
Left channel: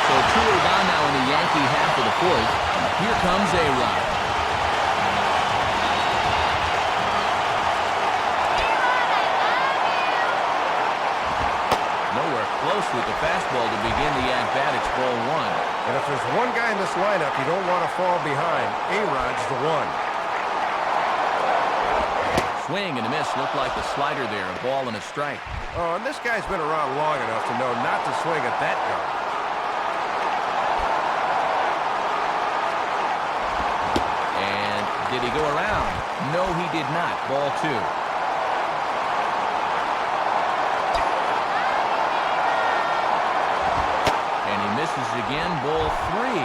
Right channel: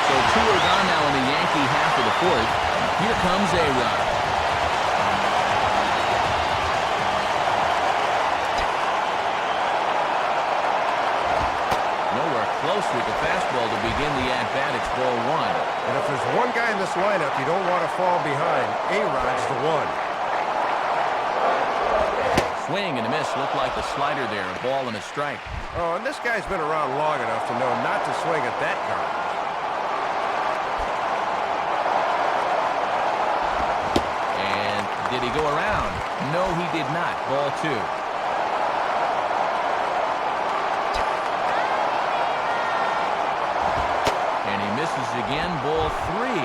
So two are gone now in the Yankee half of the fourth. Here comes A-Rod. Nowhere close with the fastball to begin the at-bat. It's ball one. And if there's one guy in this lineup you don't want to fall behind, A-Rod's the one. Swing and a miss. Looked like the slider there. A ball and a strike. Oh, and this guy's been around long enough to know not to swing at that garbage. And did he go around? No, he did not. Ball two. And he misses again. Ball three.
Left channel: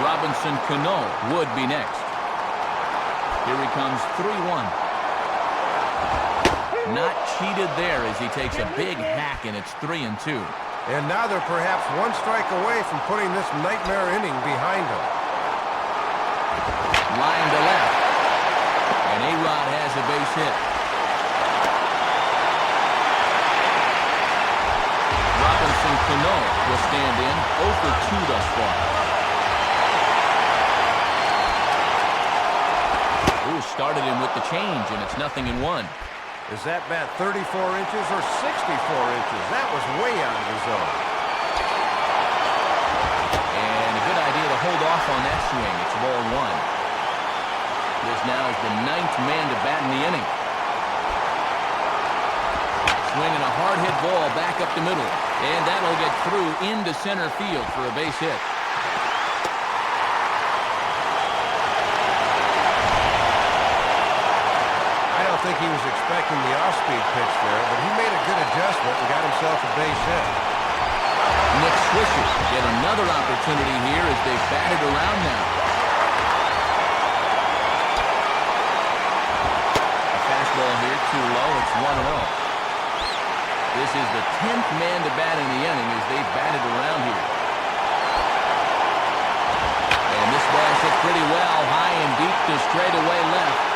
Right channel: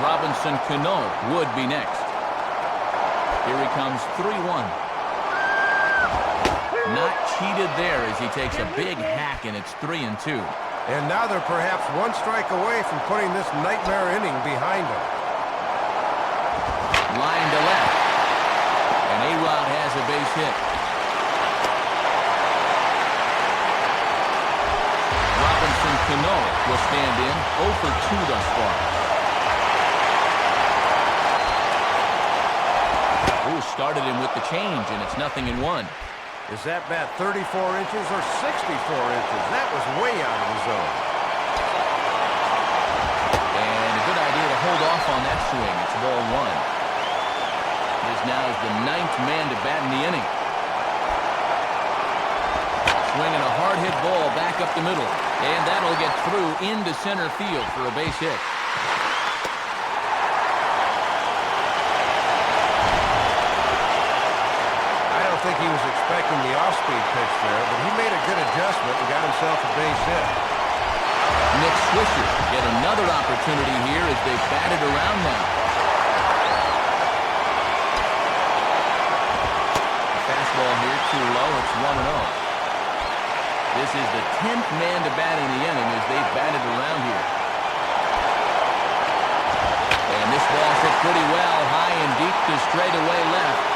Robinson Cano would be next. Here he comes, 3-1. Not cheated there as he takes a big hack, and it's 3-2. And now they're perhaps one strike away from putting this nightmare inning behind them. Line to left. And A-Rod has a base hit. Robinson Cano will stand in 0 for 2 thus far. Ooh, started him with the change, and it's 0-1. Is that bat 34 inches or 64 inches? That was way out of the zone. And a good idea to hold off on that swing. It's ball one. This now is the 9th man to bat in the inning. Swinging a hard hit ball back up the middle. And that'll get through into center field for a base hit. I don't think he was expecting the off-speed pitch there, but he made a good adjustment and got himself a base hit. Nick Swisher get another opportunity here as they batted around now. A fastball here too low. It's 1-0. This is the 10th man to bat in the inning as they've batted around here. And this ball's hit pretty well, high and deep to straightaway left.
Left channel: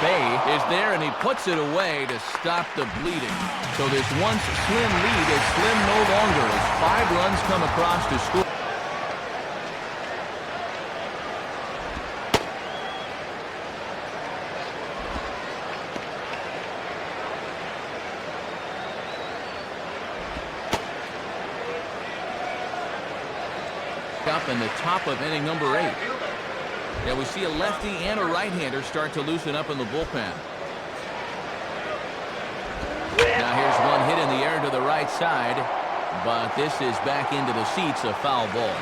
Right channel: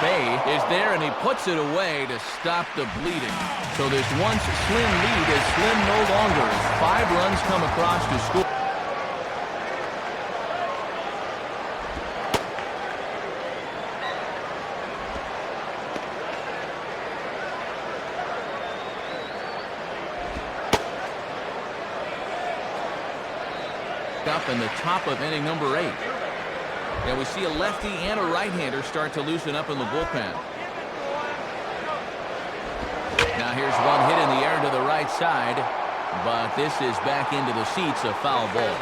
Bay is there, and he puts it away to stop the bleeding. So this once slim lead is slim no longer as 5 runs come across to score. Up in the top of inning number 8. Yeah, we see a lefty and a right-hander start to loosen up in the bullpen. Now here's one hit in the air to the right side, but this is back into the seats, a foul ball.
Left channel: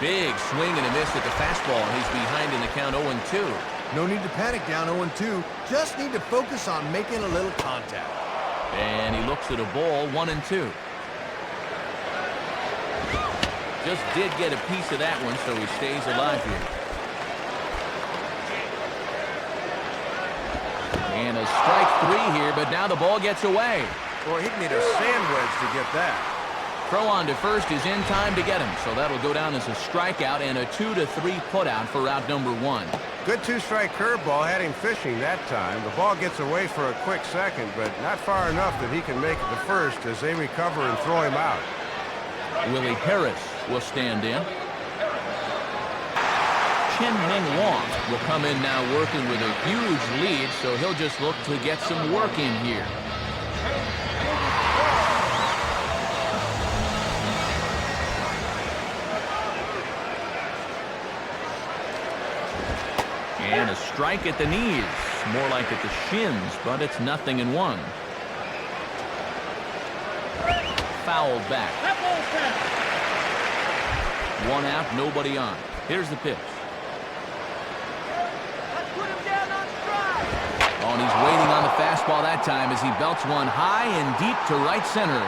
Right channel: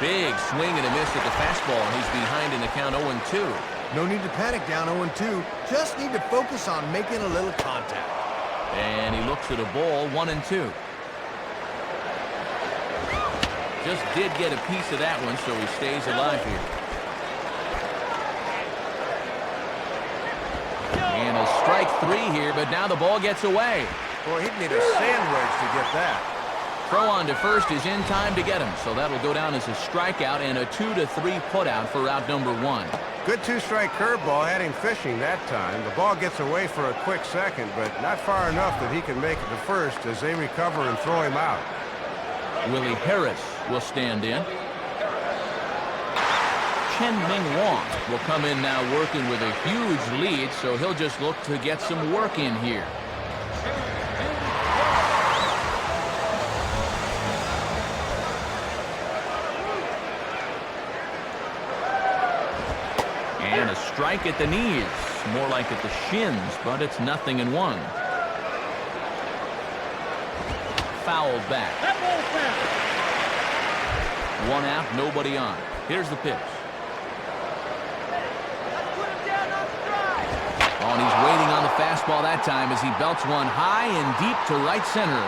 Big swing and a miss at the fastball, and he's behind in the count 0-2. No need to panic down 0-2. Just need to focus on making a little contact. And he looks at a ball, 1-2. Just did get a piece of that one, so he stays alive here. And a strike 3 here, but now the ball gets away. Boy, he'd need a sand wedge to get that. Throw on to first is in time to get him, so that'll go down as a strikeout and a 2-3 putout for out number 1. Good two-strike curveball had him fishing that time. The ball gets away for a quick second, but not far enough that he can make it to first as they recover and throw him out. Willie Harris will stand in. Chen-Ming Wong will come in now working with a huge lead, so he'll just look to get some work in here. And a strike at the knees, more like at the shins, but it's 0-1. Fouled back. That ball's foul. 1 out, nobody on. Here's the pitch. Oh, and he's waiting on the fastball that time as he belts one high and deep to right center.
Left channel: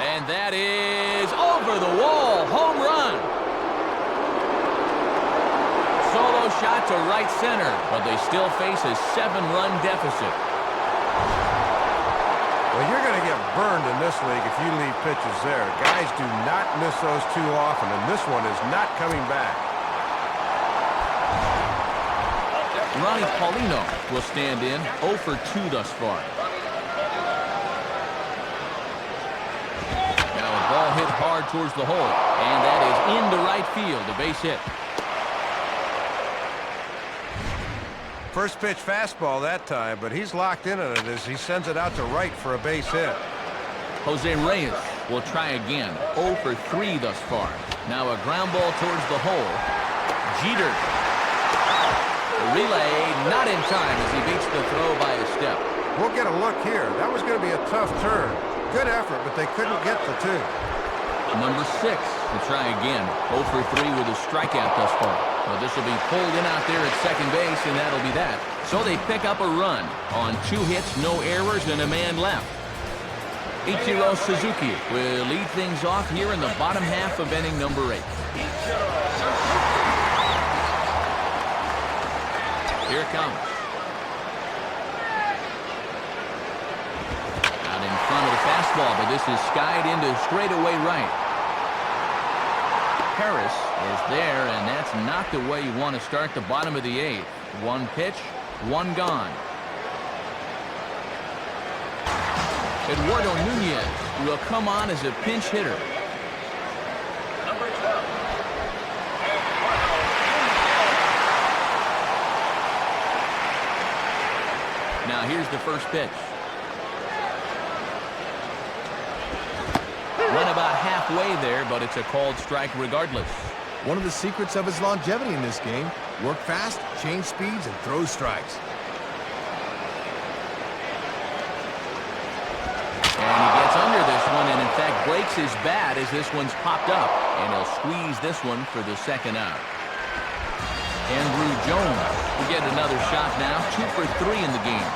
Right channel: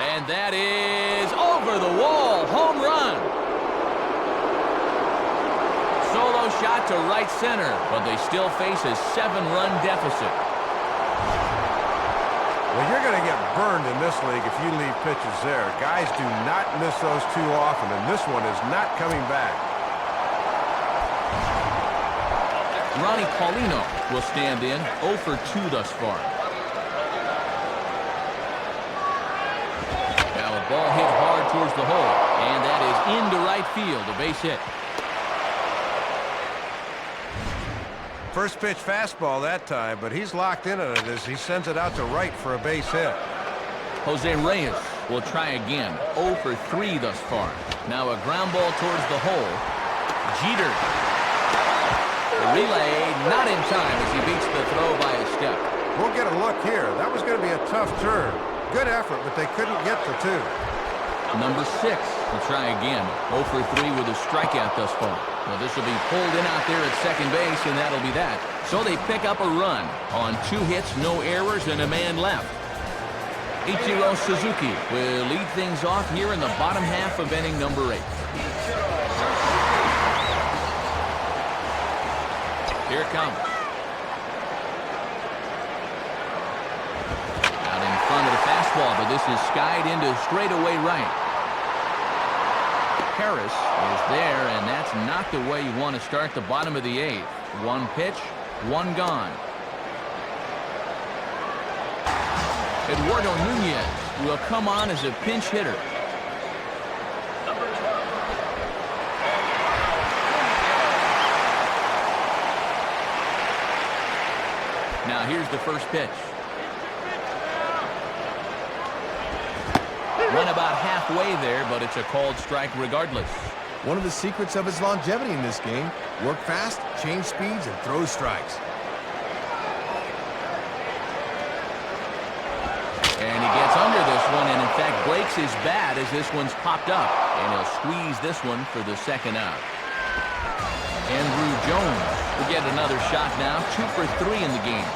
And that is over the wall. Home run. Solo shot to right center, but they still face a 7-run deficit. Well, you're going to get burned in this league if you leave pitches there. Guys do not miss those too often, and this one is not coming back. Ronnie Paulino will stand in, 0 for 2 thus far. Now a ball hit hard towards the hole, and that is into right field, a base hit. First pitch fastball that time, but he's locked in on it as he sends it out to right for a base hit. Jose Reyes will try again, 0 for 3 thus far. Now a ground ball towards the hole. Jeter. The relay not in time as he beats the throw by a step. We'll get a look here. That was going to be a tough turn. Good effort, but they couldn't get the 2. Number 6 will try again, 0 for 3 with a strikeout thus far. Well, this will be pulled in out there at second base, and that'll be that. So they pick up a run on 2 hits, no errors, and a man left. Ichiro Suzuki will lead things off here in the bottom half of inning number 8. Here it comes. Out in front of the fastball, but this is skied into straightaway right. Harris is there, and that's not the way you want to start the bottom of the 8th. 1 pitch, 1 gone. Eduardo Nunez will come on as a pinch hitter. Now here's the first pitch. Went about halfway there, but it's a called strike regardless. One of the secrets of his longevity in this game: work fast, change speeds, and throw strikes. And he gets under this one and in fact breaks his bat as this one's popped up. And he'll squeeze this one for the 2nd out. Andrew Jones will get another shot now, 2 for 3 in the game.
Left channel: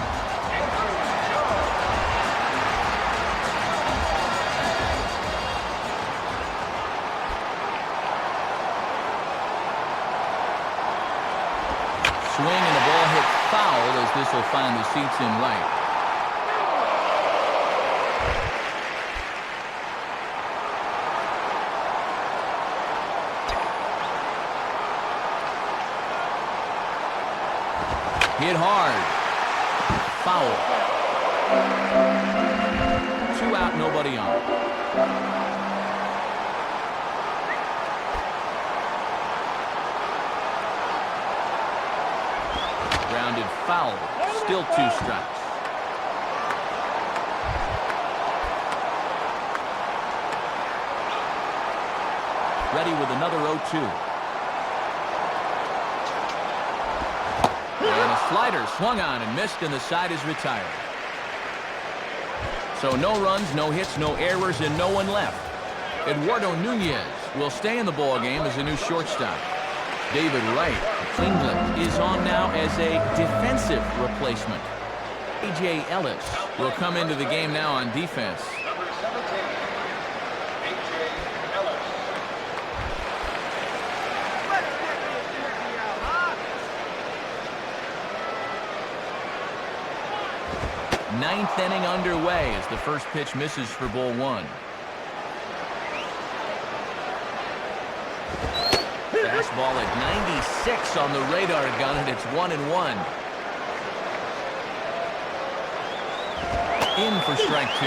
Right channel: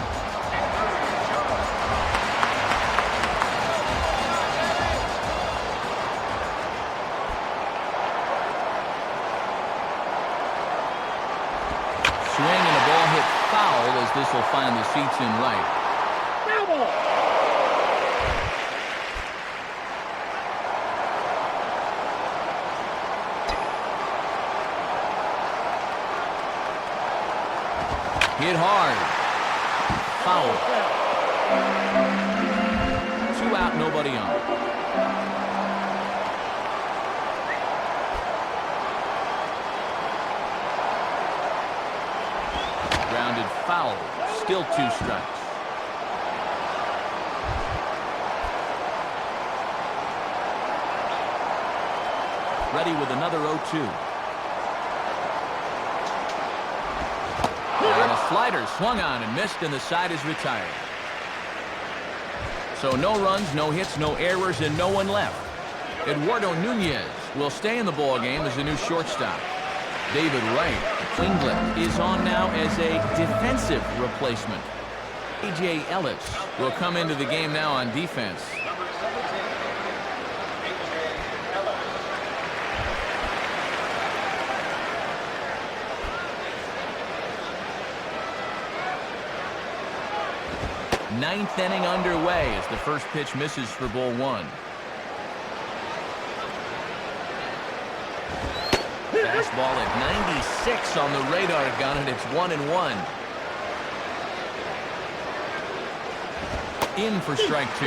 Swing and a ball hit foul as this will find the seats in right. Hit hard. Foul. 2 out, nobody on. Grounded foul. Still 2 strikes. Ready with another 0-2. And a slider swung on and missed, and the side is retired. So no runs, no hits, no errors, and no one left. Eduardo Nunez will stay in the ball game as a new shortstop. David Wright, England, is on now as a defensive replacement. A.J. Ellis will come into the game now on defense. Ninth inning underway as the first pitch misses for ball 1. Fastball at 96 on the radar gun, and it's 1-1. In for strike 2.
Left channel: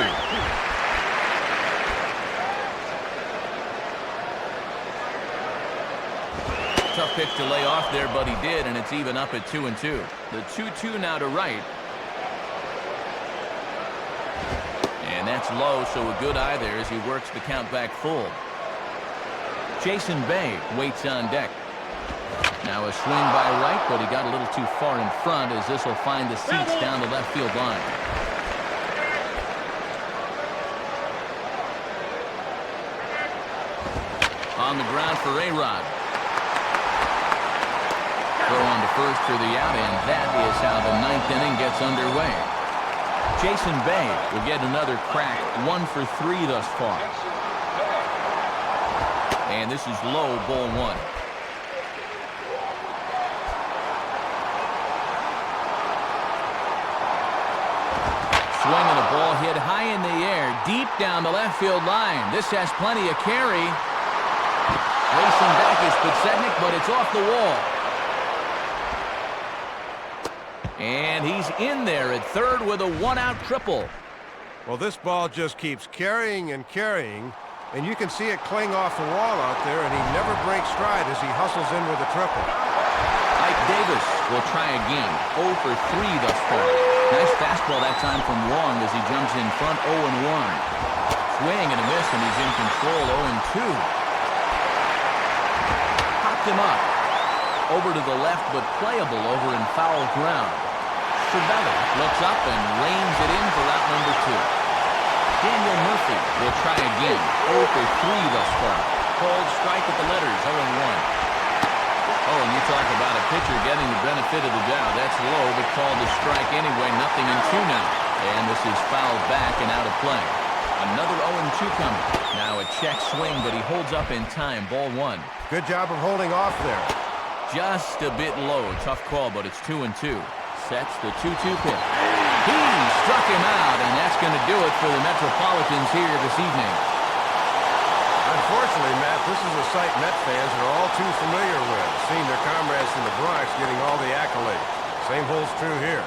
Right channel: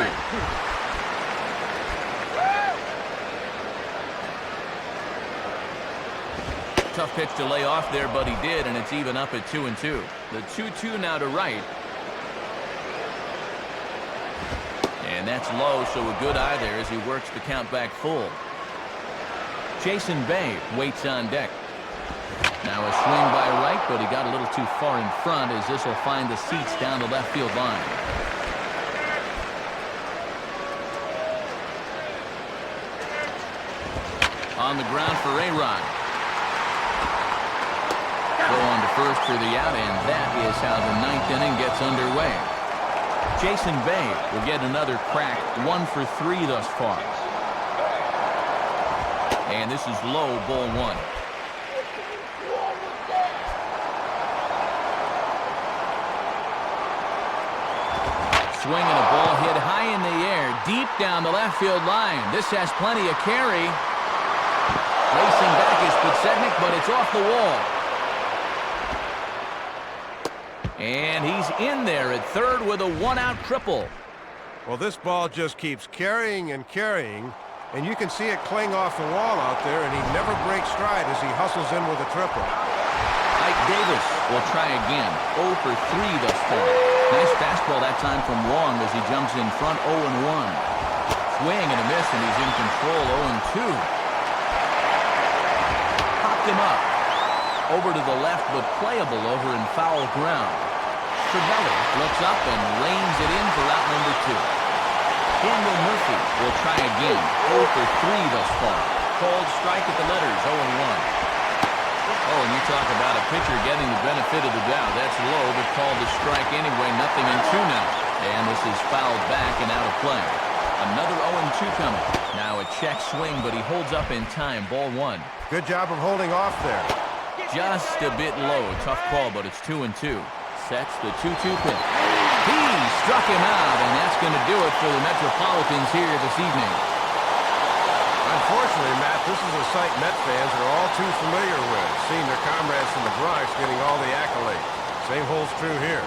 Tough pitch to lay off there, but he did, and it's even up at 2-2. The 2-2 now to right. And that's low, so a good eye there as he works the count back full. Jason Bay waits on deck. Now a swing by right, but he got a little too far in front as this will find the seats down the left field line. On the ground for A-Rod. Throw on to first for the out, and that is how the 9th inning gets underway. Jason Bay will get another crack, 1 for 3 thus far. And this is low, ball 1. Swing and a ball hit high in the air, deep down the left field line. This has plenty of carry. Racing back is Podsednik, but it's off the wall. And he's in there at third with a 1-out triple. Well, this ball just keeps carrying and carrying, and you can see it cling off the wall out there, and he never breaks stride as he hustles in with a triple. Ike Davis will try again. 0 for 3 thus far. Nice fastball that time from Wong as he jumps in front 0-1. Swing and a miss, and he's in control 0-2. Popped him up. Over to the left, but playable over in foul ground. Cervelli looks up and reins it in for out number 2. Daniel Murphy will try again. 0 for 3 thus far. Called strike at the letters, 0-1. Oh, and you talk about a pitcher getting the benefit of the doubt. That's low, but called a strike anyway. 0-2 now. And this is fouled back and out of play. Another 0-2 coming. Now a check swing, but he holds up in time. Ball 1. Good job of holding off there. Just a bit low. Tough call, but it's 2-2. Sets the 2-2 pitch. He struck him out, and that's going to do it for the Metropolitans here this evening. Unfortunately, Matt, this is a sight Met fans are all too familiar with, seeing their comrades from the Bronx getting all the accolades. Same holds true here.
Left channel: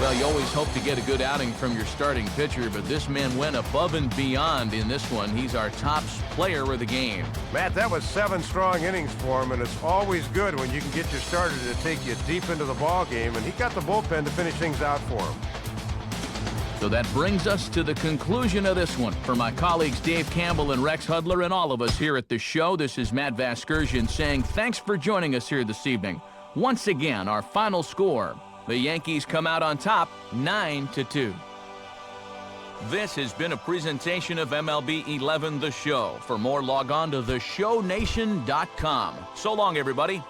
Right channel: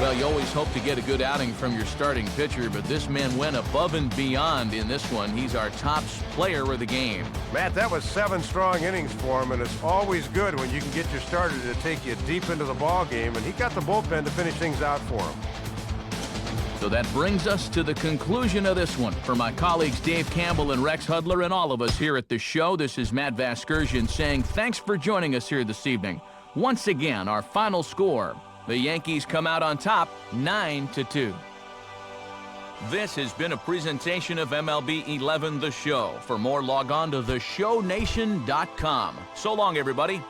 Well, you always hope to get a good outing from your starting pitcher, but this man went above and beyond in this one. He's our top player of the game. Matt, that was 7 strong innings for him, and it's always good when you can get your starter to take you deep into the ball game, and he got the bullpen to finish things out for him. So that brings us to the conclusion of this one. For my colleagues Dave Campbell and Rex Hudler and all of us here at the show, this is Matt Vasgersian saying thanks for joining us here this evening. Once again, our final score. The Yankees come out on top, 9-2. This has been a presentation of MLB 11 The Show. For more, log on to theshownation.com. So long, everybody.